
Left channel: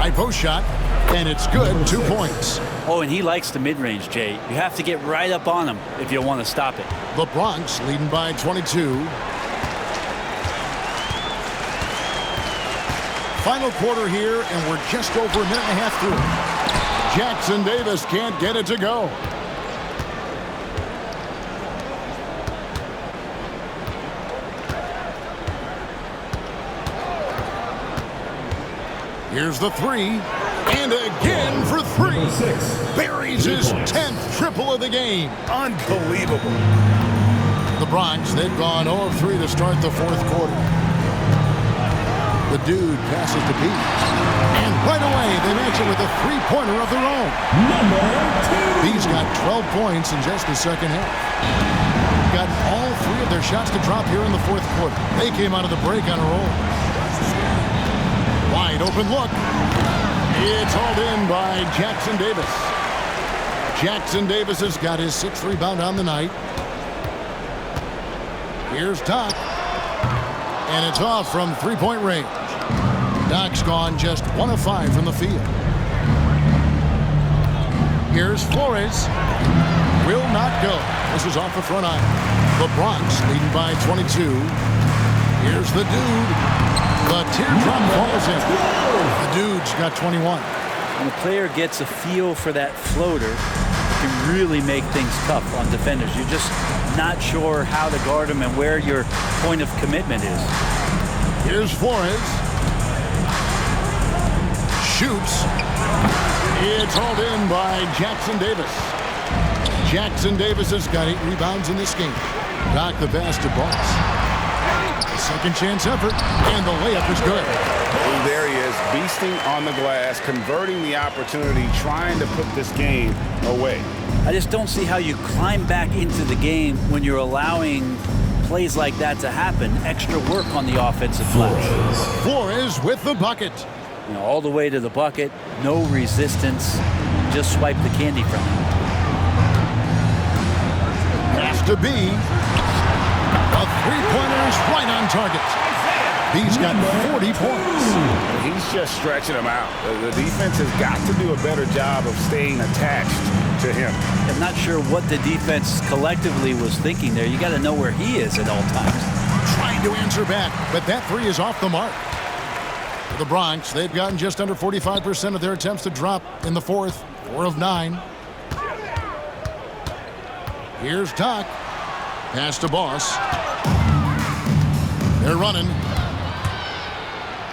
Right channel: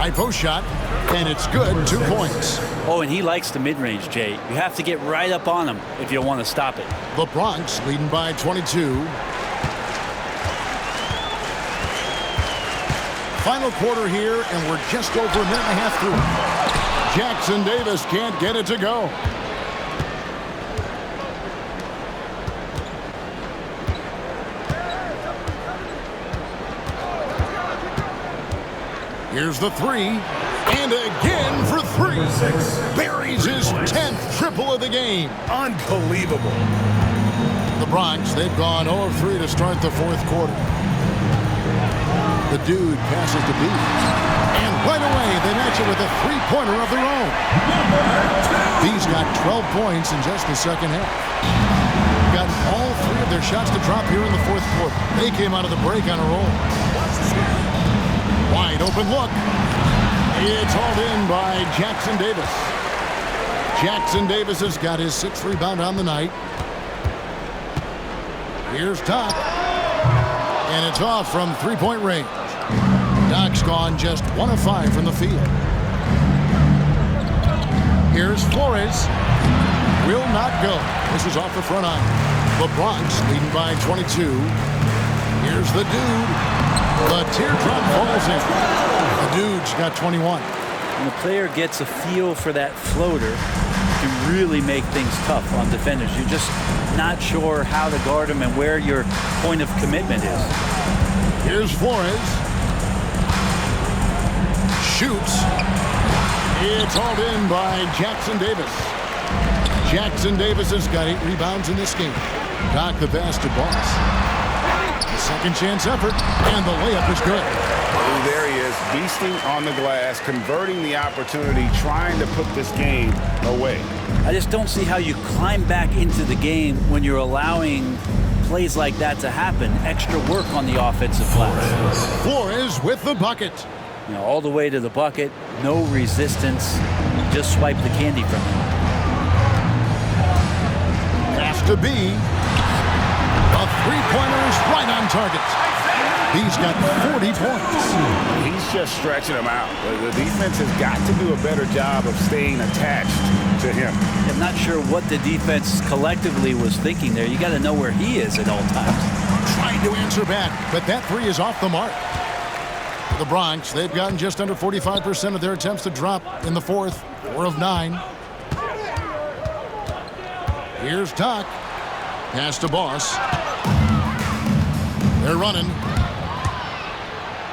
High post shot, and it's good. 2 points. Oh, and he likes the mid-range, Jay. You have to get right up on him if you want to stop it. The Bronx leading by 22. Final quarter here, and we're just over a minute and a half through. Jackson Davis can't get it to go. Here's the 3, and again for 3. Buries his 10th triple of the game. Unbelievable. The Bronx, they've gone 0 of 3 to start the fourth quarter. The Dude passes to B. And right away, they match it with a three-pointer of their own. Number 2. B's got 12 points in just the second half. Got all 3 of their shots to drop here in the fourth quarter. They came out of the break on a roll. Wide open look. It's hauled in by Jackson Davis. Jackson Davis has got his 6th rebound on the night. Here's Doc. And it's off from three-point range. Doc's gone just 1 of 5 from the field. Here's Flores. Will not go. This is off the front iron. The Bronx leading by 22. Here's the Dude. The teardrop falls in. The Dude's got 21. When a player gets a feel for that floater, it can really make things tough on defenders. You're just not sure how to guard him and where your point of commitment is. Here's Flores. Shoots. It's hauled in by Jackson Davis. Jackson Davis has got 8 rebounds in this game. Doc the pass to Boss. Second chance effort, and the layup is good. Oh, there he is, beasting on the glass, converting the opportunity, trying to put this game away. I just don't see how you climb back into the game when you're allowing plays like that to happen. Extra work on the offensive glass. Flores with the bucket. You know, all the way to the bucket, no resistance, just swipe the candy from him. Pass to B. A three-pointer is right on target. B's got 40 points. He's just stretching him out. The defense has got to do a better job of staying attached to him. I'm not sure what the defense collectively was thinking there. You got to know where he is at all times. Trying to answer back, but that 3 is off the mark. For the Bronx, they've gotten just under 45% of their attempts to drop in the fourth. 4 of 9. Here's Doc. Pass to Boss. They're running.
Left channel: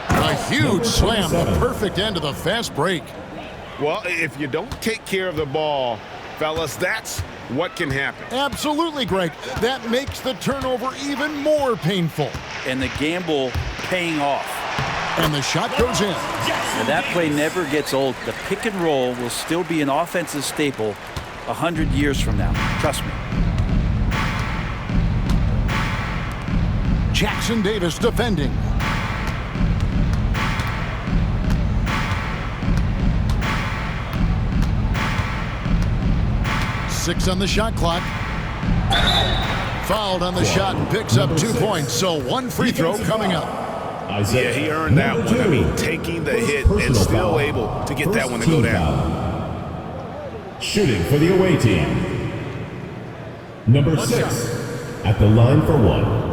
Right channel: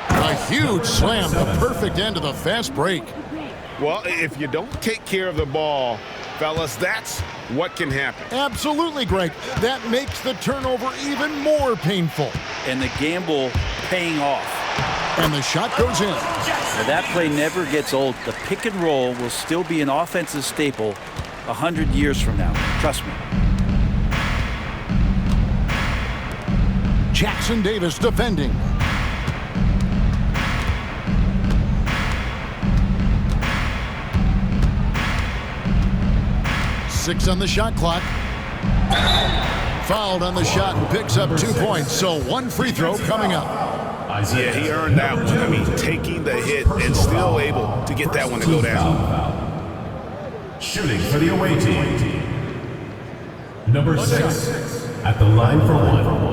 A huge slam, the perfect end of the fast break. Well, if you don't take care of the ball, fellas, that's what can happen. Absolutely, Greg. That makes the turnover even more painful. And the gamble paying off. And the shot goes in. Now, that play never gets old. The pick and roll will still be an offensive staple 100 years from now. Trust me. Jackson Davis defending. 6 on the shot clock. Fouled on the shot and picks up 2 points. So 1 free throw coming up. Yeah, he earned that one. I mean, taking the hit and still able to get that one to go down. Shooting for the away team. Number 6 at the line for 1.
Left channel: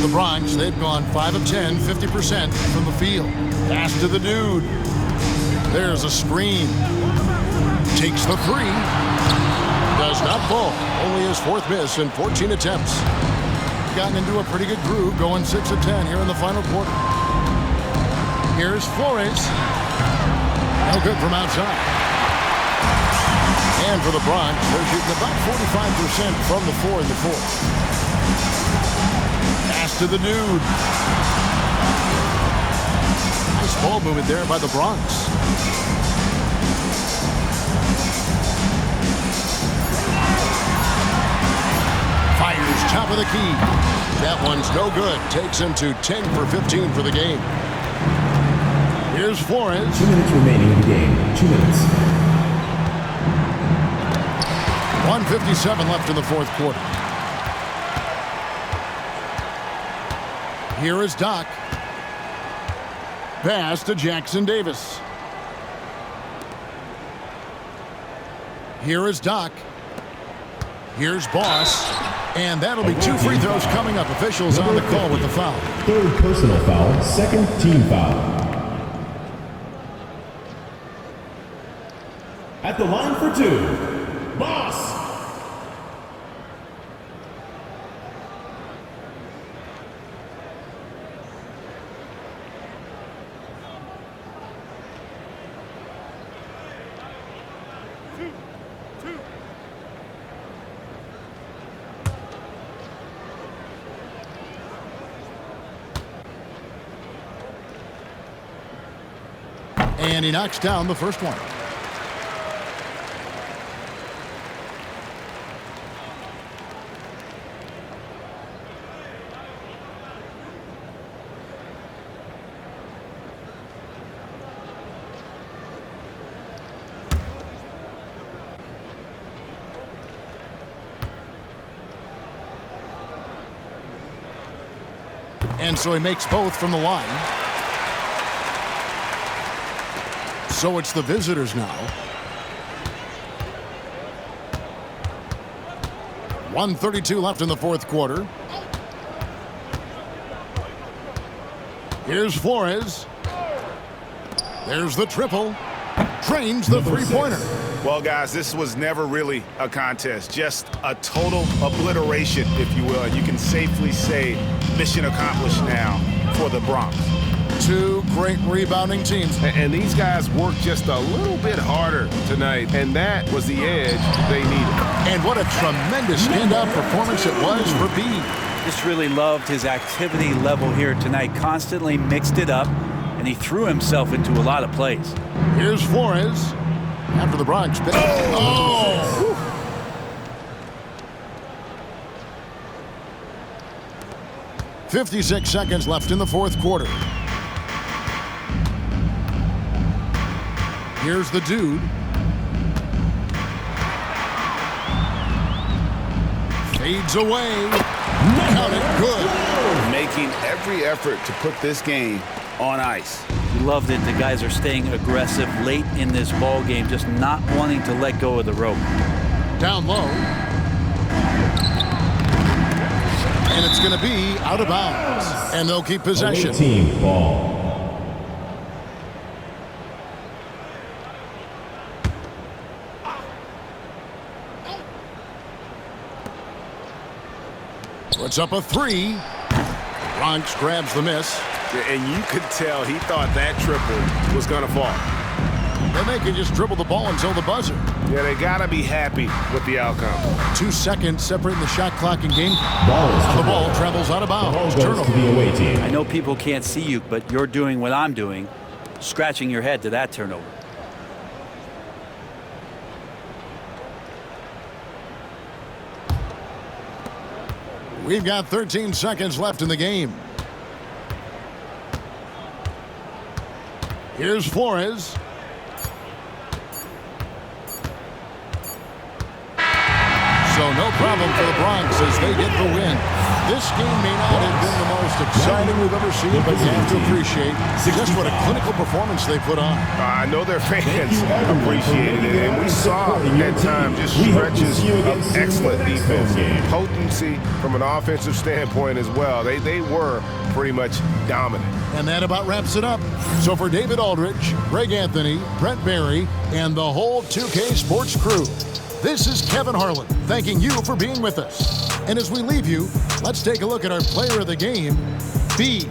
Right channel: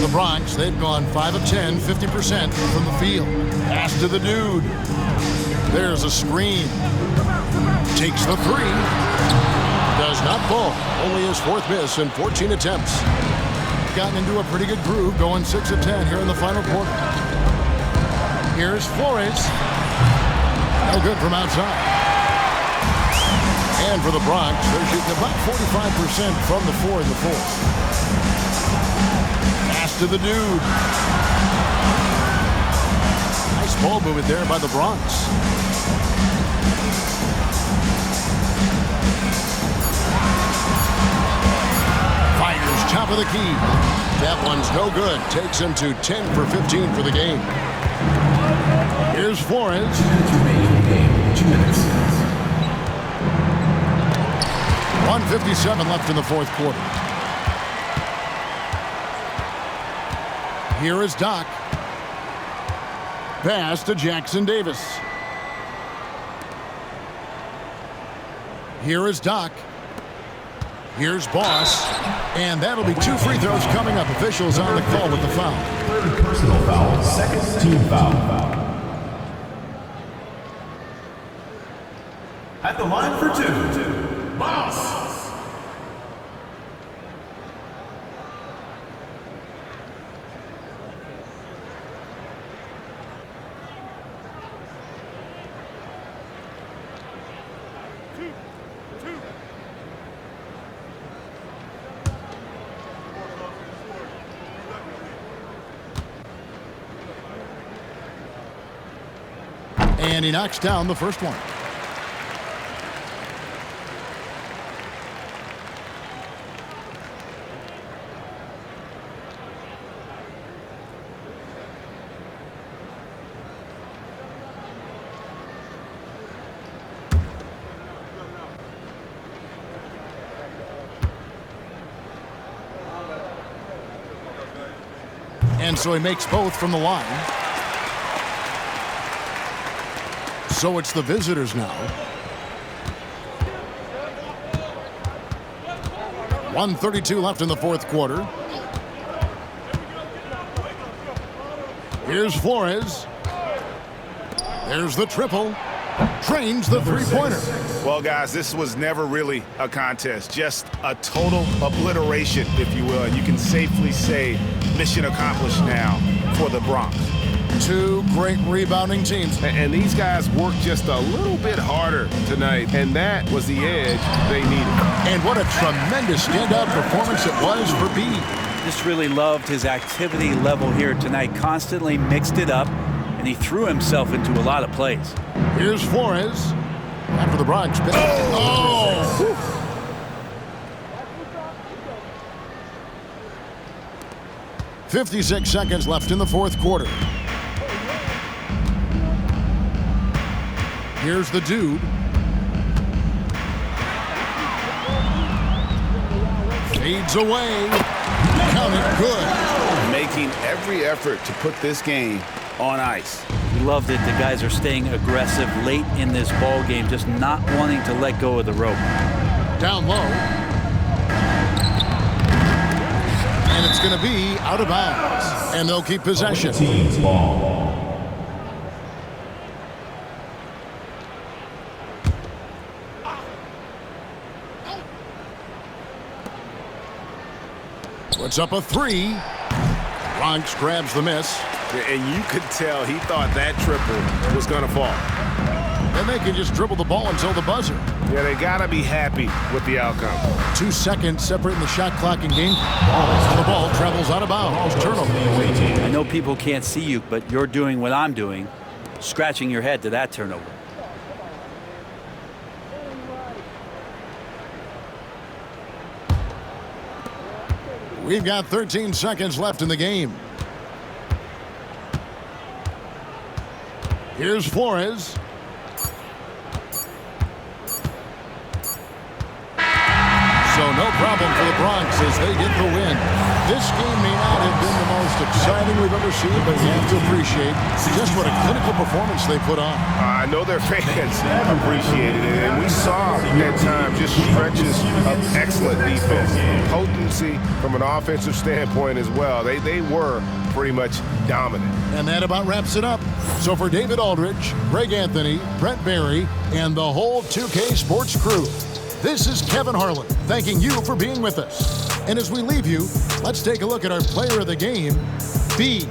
The Bronx, they've gone 5 of 10, 50% from the field. Pass to the dude. There's a screen. Takes the 3. Does not fall. Only his 4th miss in 14 attempts. Gotten into a pretty good groove, going 6 of 10 here in the final quarter. Here's Flores. No good from outside. And for the Bronx, they're shooting about 45% from the 4 in the 4th. Pass to the dude. Nice ball movement there by the Bronx. Fires top of the key. That one's no good. Takes him to 10 for 15 for the game. Here's Flores. 2 minutes remaining in the game. 2 minutes. 1:57 left in the 4th quarter. Here is Doc. Pass to Jackson Davis. Here is Doc. Here's Boss. And that'll be 2 free throws coming up. Officials on the call with the foul. 3rd personal foul, 2nd team foul. At the line for 2, Boss. And he knocks down the first one. And so he makes both from the line. So it's the visitors now. 1:32 left in the 4th quarter. Here's Flores. There's the triple. Drains the 3-pointer. Well, guys, this was never really a contest. Just a total obliteration, if you will. And you can safely say mission accomplished now for the Bronx. 2 great rebounding teams. And these guys worked just a little bit harder tonight, and that was the edge they needed. And what a tremendous standout performance it was for B. Just really loved his activity level here tonight. Constantly mixed it up, and he threw himself into a lot of plays. Here's Flores. After the Bronx. Oh! 56 seconds left in the 4th quarter. Here's the dude. Fades away. Count it. Good. Making every effort to put this game on ice. He loved it. The guys are staying aggressive late in this ball game, just not wanting to let go of the rope. Down low. And it's going to be out of bounds. And they'll keep possession. Team's ball. Puts up a 3. Bronx grabs the miss. And you could tell he thought that triple was going to fall. Then they can just dribble the ball until the buzzer. Yeah, they got to be happy with the outcome. 2 seconds separating the shot clock and game. The ball travels out of bounds. Turnover. I know people can't see you, but you're doing what I'm doing, scratching your head to that turnover. We've got 13 seconds left in the game. Here's Flores. So no problem for the Bronx as they get the win. This game may not have been the most exciting we've ever seen, but you have to appreciate just what a clinical performance they put on. I know their fans appreciated it, and we saw at times just stretches of excellent defense, potency from an offensive standpoint as well. They were pretty much dominant. And that about wraps it up. So for David Aldridge, Greg Anthony, Brent Barry, and the whole 2K Sports crew, this is Kevin Harlan thanking you for being with us. And as we leave you, let's take a look at our player of the game, B.